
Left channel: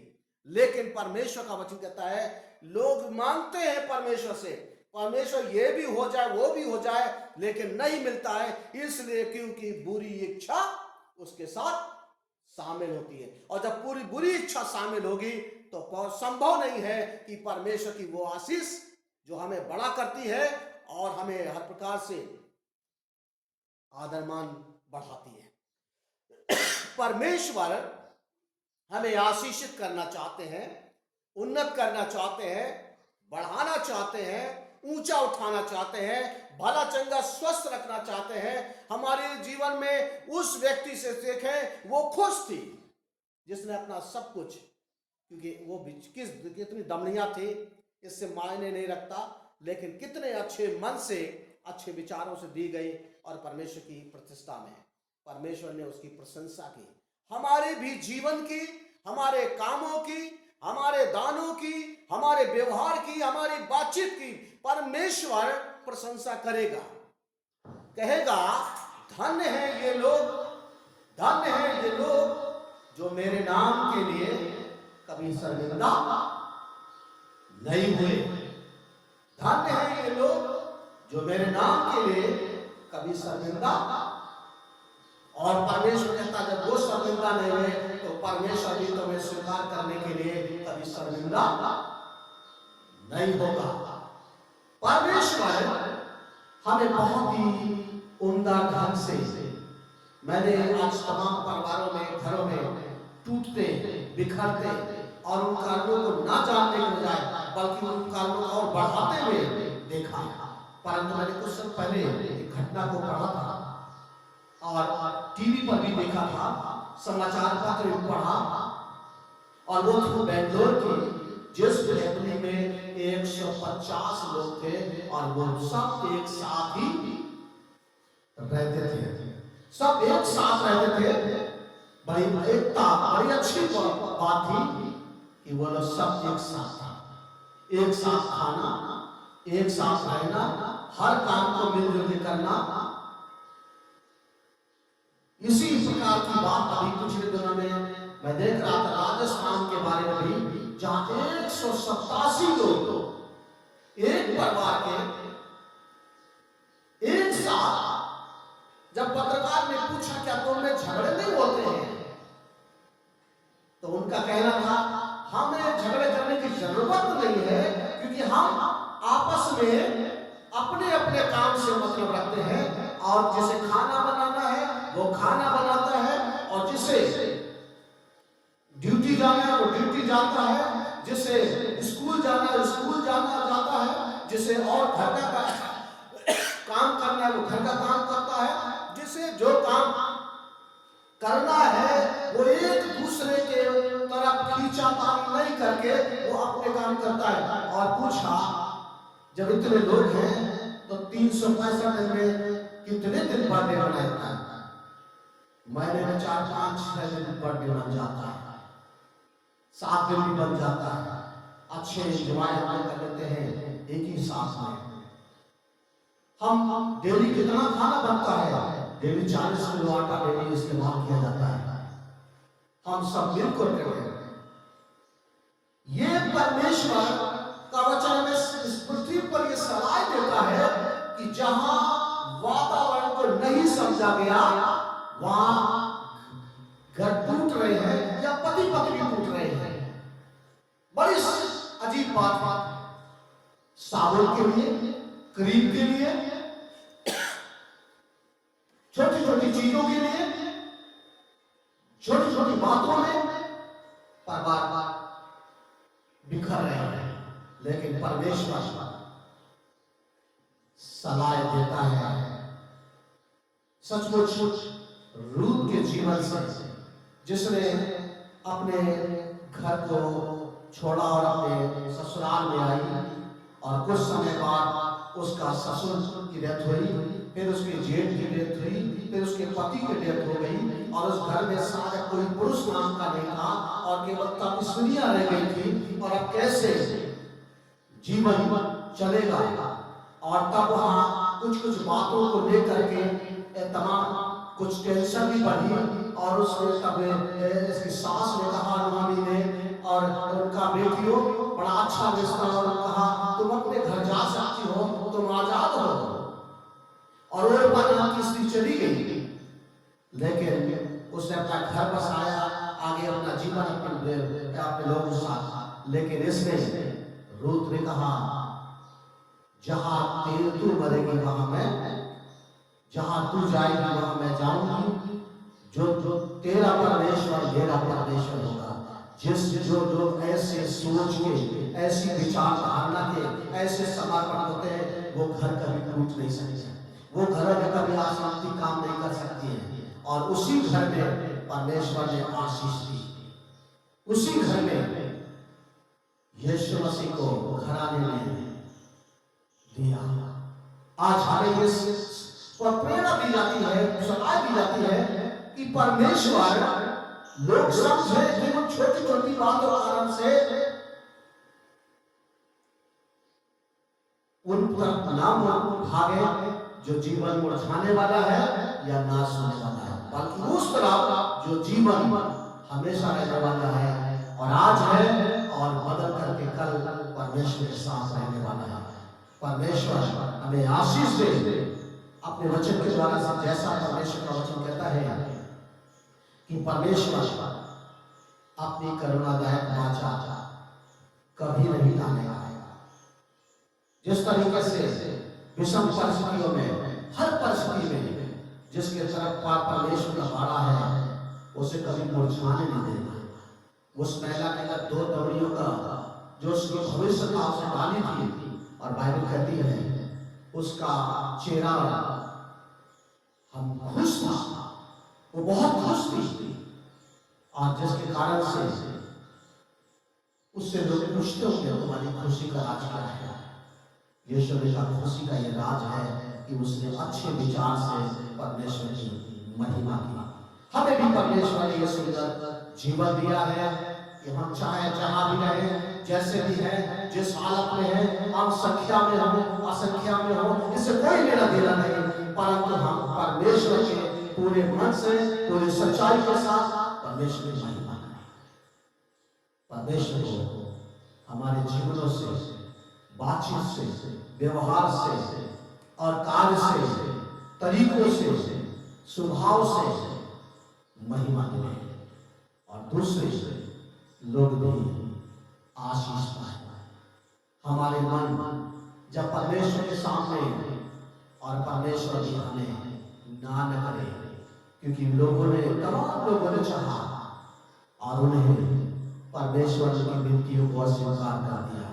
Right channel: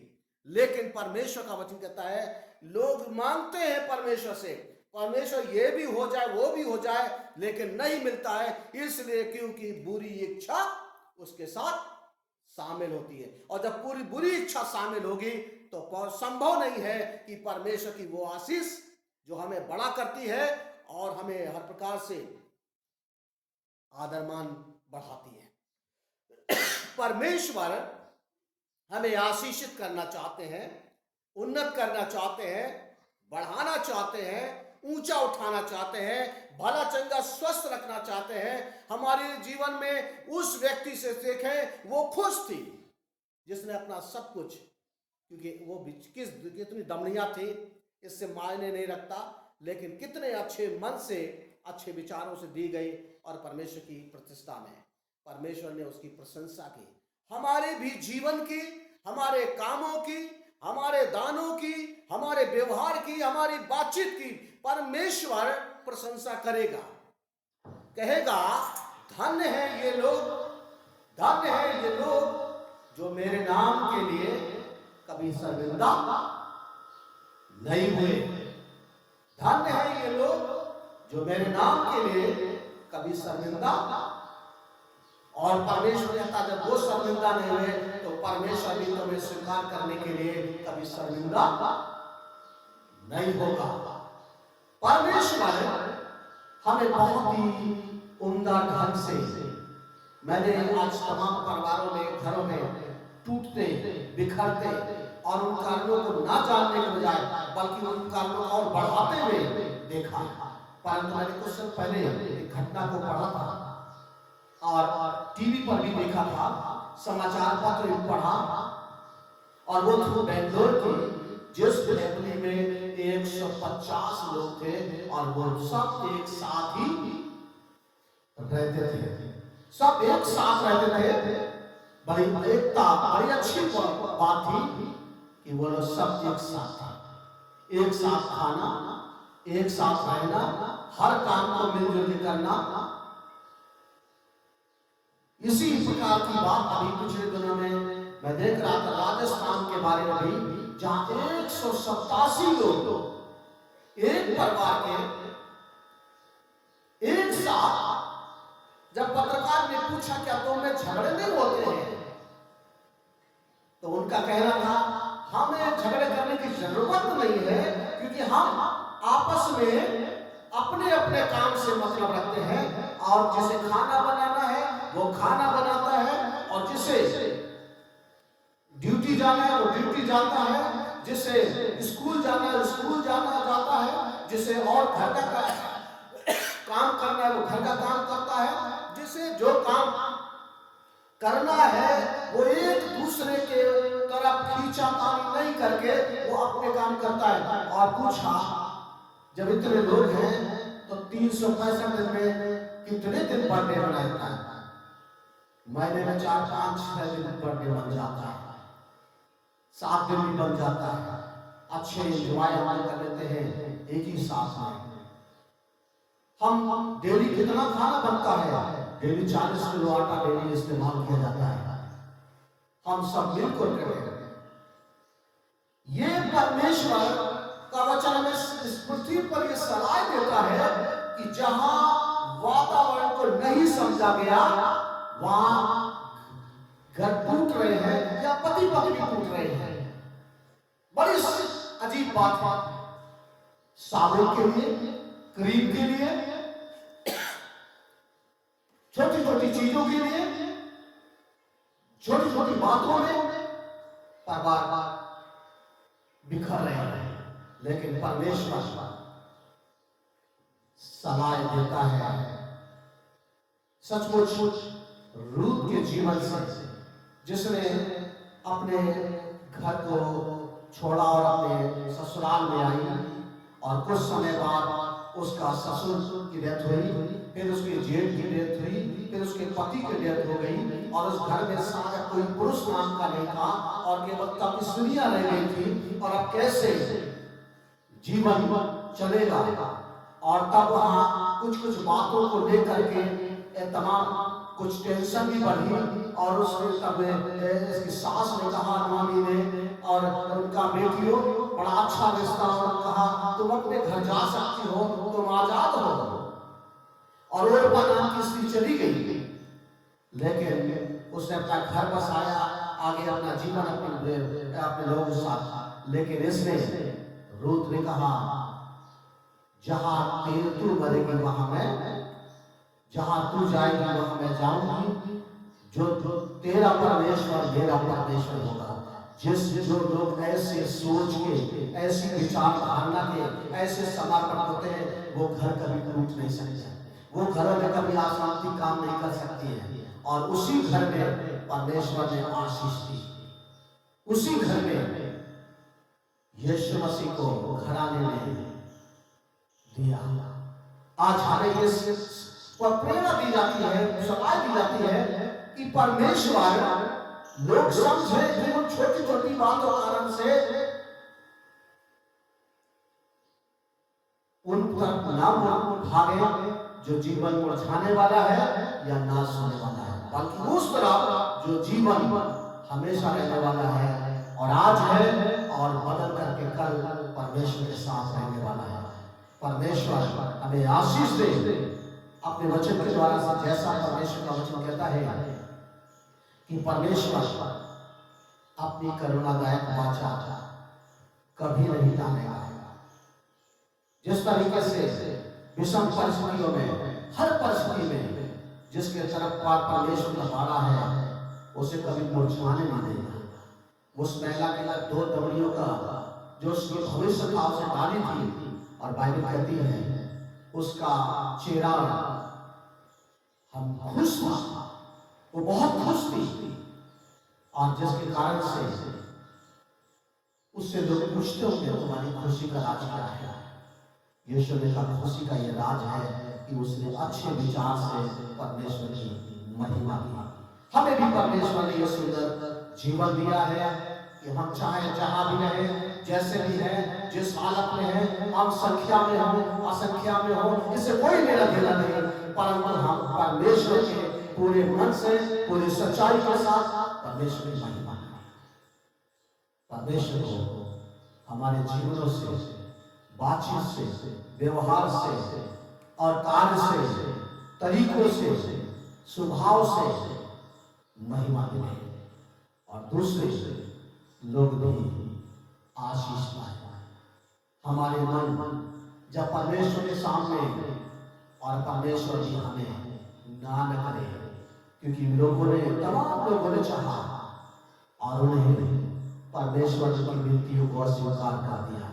लेकिन परमेश्वर का वचन कहता है, लोग मांगते हैं परमेश्वर से, परमेश्वर ये भी हो जाए वो भी हो जाए, लेकिन नहीं मिलता है। इसलिए क्योंकि बुरी इच्छा उसके साथ शामिल होती है, और जब पूरी बुरी इच्छा शामिल होगी तो संभव नहीं है कि परमेश्वर की वो आशीष जो हमें बड़ा करती है और हमें हर प्रकार से आदरमान बढ़ाती है। परमेश्वर हमें आशीषित करना चाहते हैं, उन्नत करना चाहते हैं, बढ़ाना चाहते हैं, ऊंचा उठाना चाहते हैं, भला चंगा स्वस्थ रखना चाहते हैं। हमारे जीवन में उस व्यक्ति से सीखें, वो खुश थी जिसने अपना सब कुछ, क्योंकि वो कितनी दमनिया थी इससे मायने नहीं रखता, लेकिन कितने अच्छे मन से, अच्छे विचारों से दी गई और परमेश्वर की प्रतिष्ठा में परमेश्वर ने उसकी प्रशंसा की। हमारे भी जीवन की, हमारे कामों की, हमारे दानों की, हमारे व्यवहार की, हमारी बातचीत की परमेश्वर प्रशंसा करेगा। कहेगा, धन्य है ये लोग, धन्य है ये लोग जो मेरे नाम के लिए कभी शर्मिंदा नहीं हुए। धन्य है ये लोग जो मेरे नाम के लिए कभी शर्मिंदा, और परमेश्वर कहता है जब वो शर्मिंदा नहीं हुए तो परमेश्वर भी तुम्हें स्वीकार करने के लिए कभी शर्मिंदा नहीं होगा। परमेश्वर हमें बहुत ही उम्दा ढंग से, मैंने आज तमाम परिवारों में, घरों में टूटते, बिखरते और उन कारणों को ना जानने के बजाय बल्कि उन कारणों को और बढ़ाते हुए देखा। परंतु मैंने कुछ समय पहले एक घटना को पढ़ा था और टीवी पर भी देखा था, समाचार पत्र भी पढ़ा, और वो थी बेंगलोर की, जिस फैमिली में 150 लोग थे और वो सब एक साथ ही रहते थे, सब एक साथ रहते थे। बड़ी एकता, बड़ी अच्छी बात थी कि वो लोग सब एक साथ खाना, एक साथ रहना, हर काम को मिलजुल के करना। इसी प्रकार की बात अभी पिछले दिनों में मैं देख रहा था राजस्थान के बारे में भी, जहां 187 लोग एक परिवार के एक साथ। जब पत्रकार ने पूछा क्या तुमने झगड़े नहीं होते हैं, तो उनका कहना था हमें झगड़े करने की जरूरत नहीं है, क्योंकि हम आपस में अपने अपने काम से मतलब रखते हैं, और जिसे खाना बनाना है वो खाना बनाता है, और जिसे ड्यूटी जाना है वो ड्यूटी जाता है, जिसे स्कूल जाना है स्कूल जाता है, जिसे और घर का काम करना है वो घर का काम करता है, जिसे जो काम करना है वो एक दूसरे के तरफ खींचातानी नहीं करके वो अपने काम करता है। और पूछा जब इतने लोग हैं तो 365 दिन में कितने दिन बर्थडे मनाता है? महीने में 4-5-6 दिन बर्थडे बन जाता है, 7 दिन भी बन जाता है। अच्छे एंजॉय हम कर लेते हैं एक ही साथ में। हम डेली कितना खाना बनता है? डेली 40 किलो आटा डेली इस्तेमाल किया जाता है। हम सब मिलकर करते हैं। ये परमेश्वर का वचन हमें इस पृथ्वी पर ये सलाह देता है कि जहां वातावरण को नहीं समझा गया वहां घर टूट रहे हैं या पति पत्नी टूट रहे हैं। बड़ी अजीब बात है। साबुन के लिए, क्रीम के लिए, छोटी छोटी चीजों के लिए, छोटी छोटी बातों में परिवार बिखर रहे हैं। लेकिन परमेश्वर सलाह देता है सचमुच रूत के जीवन से, जिसने अपने घर को छोड़ा और अपने ससुराल में आई, और कुछ समय बाद उसका ससुर की डेथ हुई, फिर उसके जेठ की डेथ हुई, फिर उसके पति की डेथ हो गई, और उस घर में सारा कोई पुरुष नाम का नहीं था, और केवल तपस्विनियां रह गई थी। और अब कैसे जीवन चलेगा? और तब वहां कुछ कुछ बातों को लेकर के तमाम कुछ टेंशन भी बढ़ी, और उसने तब इसकी सास ने कहा, नौमी ने और उनका बेटियों बड़ा अच्छा रिश्ता, और कहा तुम अपने घर जा सकती हो, तुम आजाद हो। और वो नाम की स्त्री चली गई, लेकिन उसने अपना घर बसाया, आगे अपना जीवन अपने लोगों के साथ। लेकिन इसमें रूत ने कहा जहां तू मरेगी वहां मैं, जहां तू जाएगी वहां मैं जाऊंगी। जो जो तेरा परमेश्वर मेरा परमेश्वर होगा। जो लोग ऐसे सोच के, ऐसी विचारधारा के, ऐसे समर्पण होते हैं, वो घर कभी टूट नहीं सकते, वो घरों में कभी अशांति काम नहीं कर सकती है। और उसी घर में परमेश्वर ने आशीष दी, उसी घर में यीशु मसीह को घराने में दिया। आज हमें इस पर प्रेरणा दी जाती है, सलाह दी जाती है कि परमेश्वर, लोग समझे कि वो छोटी छोटी बातों के कारण से उन पर नाम भागे जो जीवन मुरझाने वाला है या नाश होने वाला है, बल्कि उस तरह जो जीवन हमेशा रहने वाला है, और आज है और बदल करके कल परमेश्वर के साथ रहने वाला है। परमेश्वर हमें आशीष दे अपने वचन के द्वारा से, जैसा परमेश्वर का वचन कहता है कि परमेश्वर अपनी करुणादायक वाचा कभी नहीं टालेगा। जिस तरीके से विषम परिस्थितियों में, हर परिस्थिति में जिसके तरफ परमेश्वर का बाड़ा है, उसे कभी मुरझाने नहीं देगा। उस महिला के अंदर 2 दमड़ियों का जो उसकी भविष्य था उसे डाली थी, और बाइबल कहती है उसका चेहरा हम खुश था, वो बहुत खुश थी, और जिसके कारण से उससे लोग पूछते होंगे तुम्हारी खुशी का राज क्या है? यीशु ने कहा खुशी का ये राज है कि उसने अच्छे विचार से परमेश्वर की महिमा की। हमें भी परमेश्वर ने ये सुंदर जीवन दिया है कि हम चाहे जहां भी रहे, जैसे भी हैं, जिस हालत में है, हम संख्या में हो असंख्या में हो, इससे कोई लेना देना नहीं, परंतु हम परमेश्वर के पूरे मन से पूरी सच्चाई के साथ परमेश्वर की महिमा करें। परमेश्वर को हमारे जीवनों से, बातचीत से, व्यवहार से और कार्य से, तरीकों से, स्वभाव से महिमा मिले और दूसरे लोग भी आशीष पाए। हमारे मन जब परमेश्वर के सामने और परमेश्वर भी हमें ना न करे, क्योंकि तमाम लोगों ने चाहा और उन्हें परमेश्वर की विनतियों को अस्वीकार कर दिया,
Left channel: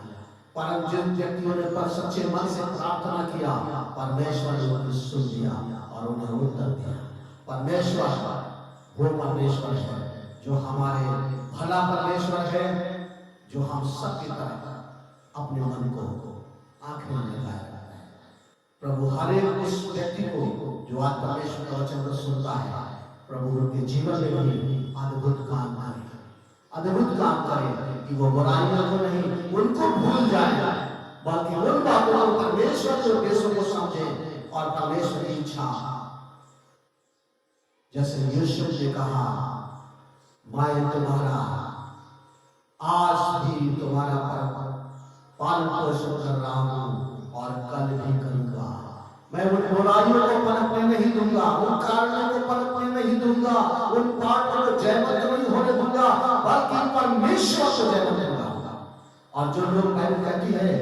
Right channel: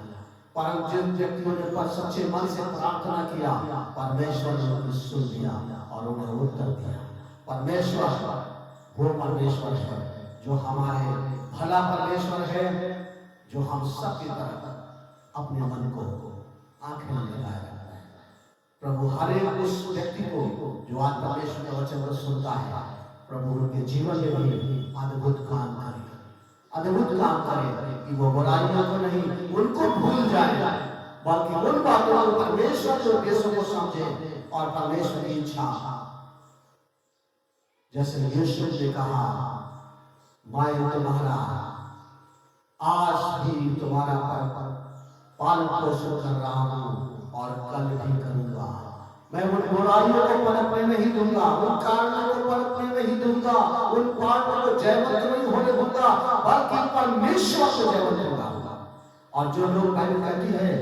परंतु जिन व्यक्तियों ने पर सच्चे मन से प्रार्थना किया, परमेश्वर ने उनको सुन लिया और उन्हें उत्तर दिया। परमेश्वर वो परमेश्वर है जो हमारे भला परमेश्वर है, जो हम सबकी तरह अपने मन को आंखें में लगाए रखता है। प्रभु हर एक उस व्यक्ति को जो आज परमेश्वर का वचन को सुनता है, प्रभु उनके जीवन में भी अद्भुत काम करे, अद्भुत काम करे कि वो बुराइयों को नहीं, उनको भूल जाए, बल्कि उन बातों को परमेश्वर के उद्देश्यों को समझे और परमेश्वर की इच्छा, जैसे यीशु ने कहा, मैं तुम्हारा आज भी तुम्हारा पालन पोषण कर रहा हूं और कल भी करूंगा। मैं उन बुराइयों को पनपने नहीं दूंगा, उन कारणों को पनपने नहीं दूंगा, उन पापों को जयवंत नहीं होने दूंगा, बल्कि परमेश्वर को जयवंत होगा। और जो लोग बाइबल कहती है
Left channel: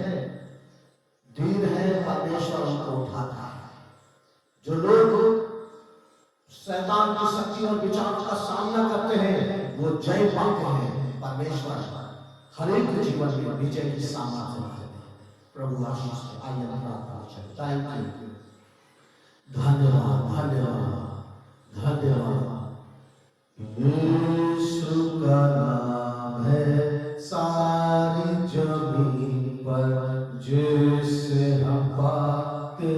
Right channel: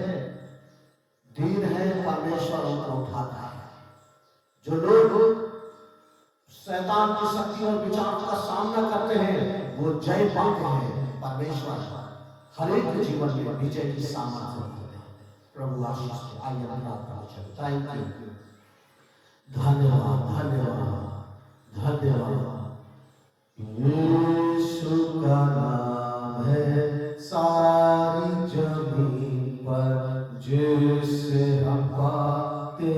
दिन है परमेश्वर उनको उठाता है, जो लोग शैतान की शक्ति और विचारों का सामना करते हैं वो जय पाते हैं। परमेश्वर हर एक के जीवन में विजय की सामर्थ्य है। प्रभु आशीष आइए थैंक यू, धन्यवाद धन्यवाद धन्यवाद। यीशु का नाम है सारी जमीन पर, जिससे हम पाते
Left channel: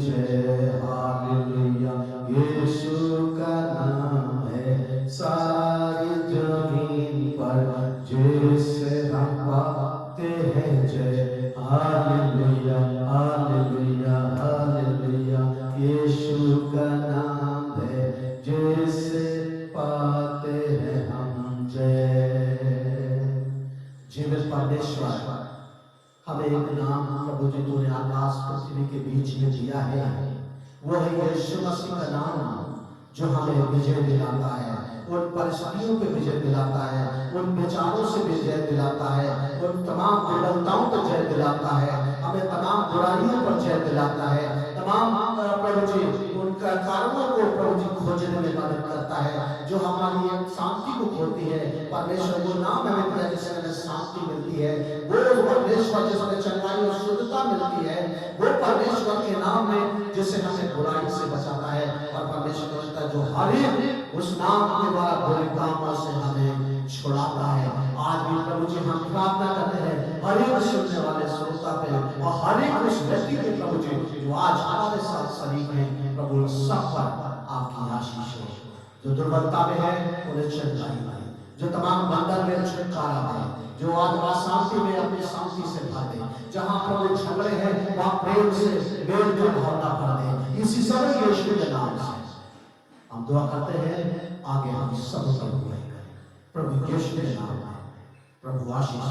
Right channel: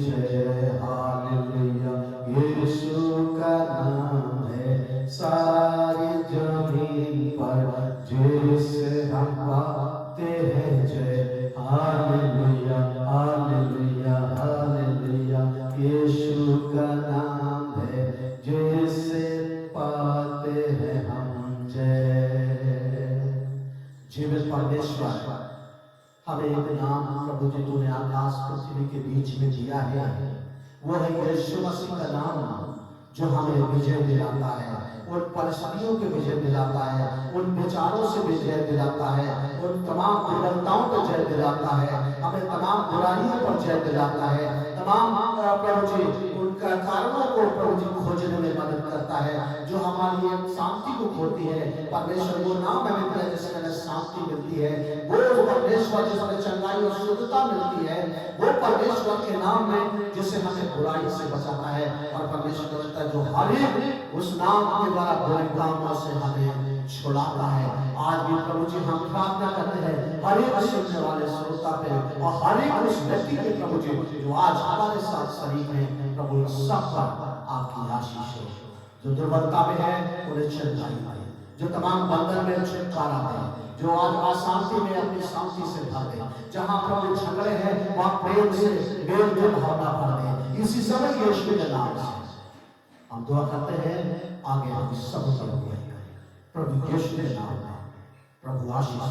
जय। हालेलुया। यीशु का नाम है सारी जमीन पर, जिससे हम पाते हैं जय। Hallelujah hallelujah hallelujah. यीशु का नाम है जिससे पाते हैं हम जय। जीवित परमेश्वर, हमें एक नाम प्रभु जी तूने आकाश पृथ्वी के बीच में दिया है, वह है यीशु मसीह का नाम, जो हमें विजय दिलाता है, उन परिस्थितियों पे विजय दिलाता है, उन विचारों से विजय दिलाता है, उन तमाम दुर्बलताओं पर जय दिलाता है, हमें तमाम बुराइयों पर जय दिलाता है, तमाम प्रभु जी उनका कारणों को प्रभु जी खोजने में मदद करता है, जो हमारी शांति को खोती है। परमेश्वर वो नाम हमें दिया जिसमें हमें शांति मिलती है, वो परमेश्वर जिसमें चंगाई और शुद्धता मिलती है, वो परमेश्वर के नाम में जिससे हमें बुराई से बचाता है। और परमेश्वर जो हर एक उस नाम के द्वारा बुरे कामों से हमें छुड़ाता है। आज भी प्रभु जी हम प्रार्थना करते हैं हर एक सुनने वाले श्रोता पे और हर एक उस व्यक्ति के प्रभु जी जो आज हमारे साथ शरीक है, प्रभु सब पर आपकी आशीष हो। जो दुर्बलता में है उन्हें चंगाई पाए, जो तमाम बंधन में छुटकारा पाए, जो आज अशांति में अपनी शांति से भर दे, जहाँ प्रभु झगड़े हैं वहाँ प्रेम से मेल जोल भावना भर दे। इसी समय यीशु के नाम से हम दुआ करते हैं, आगे हम सब प्रभु यीशु के नाम में प्रभु आशीष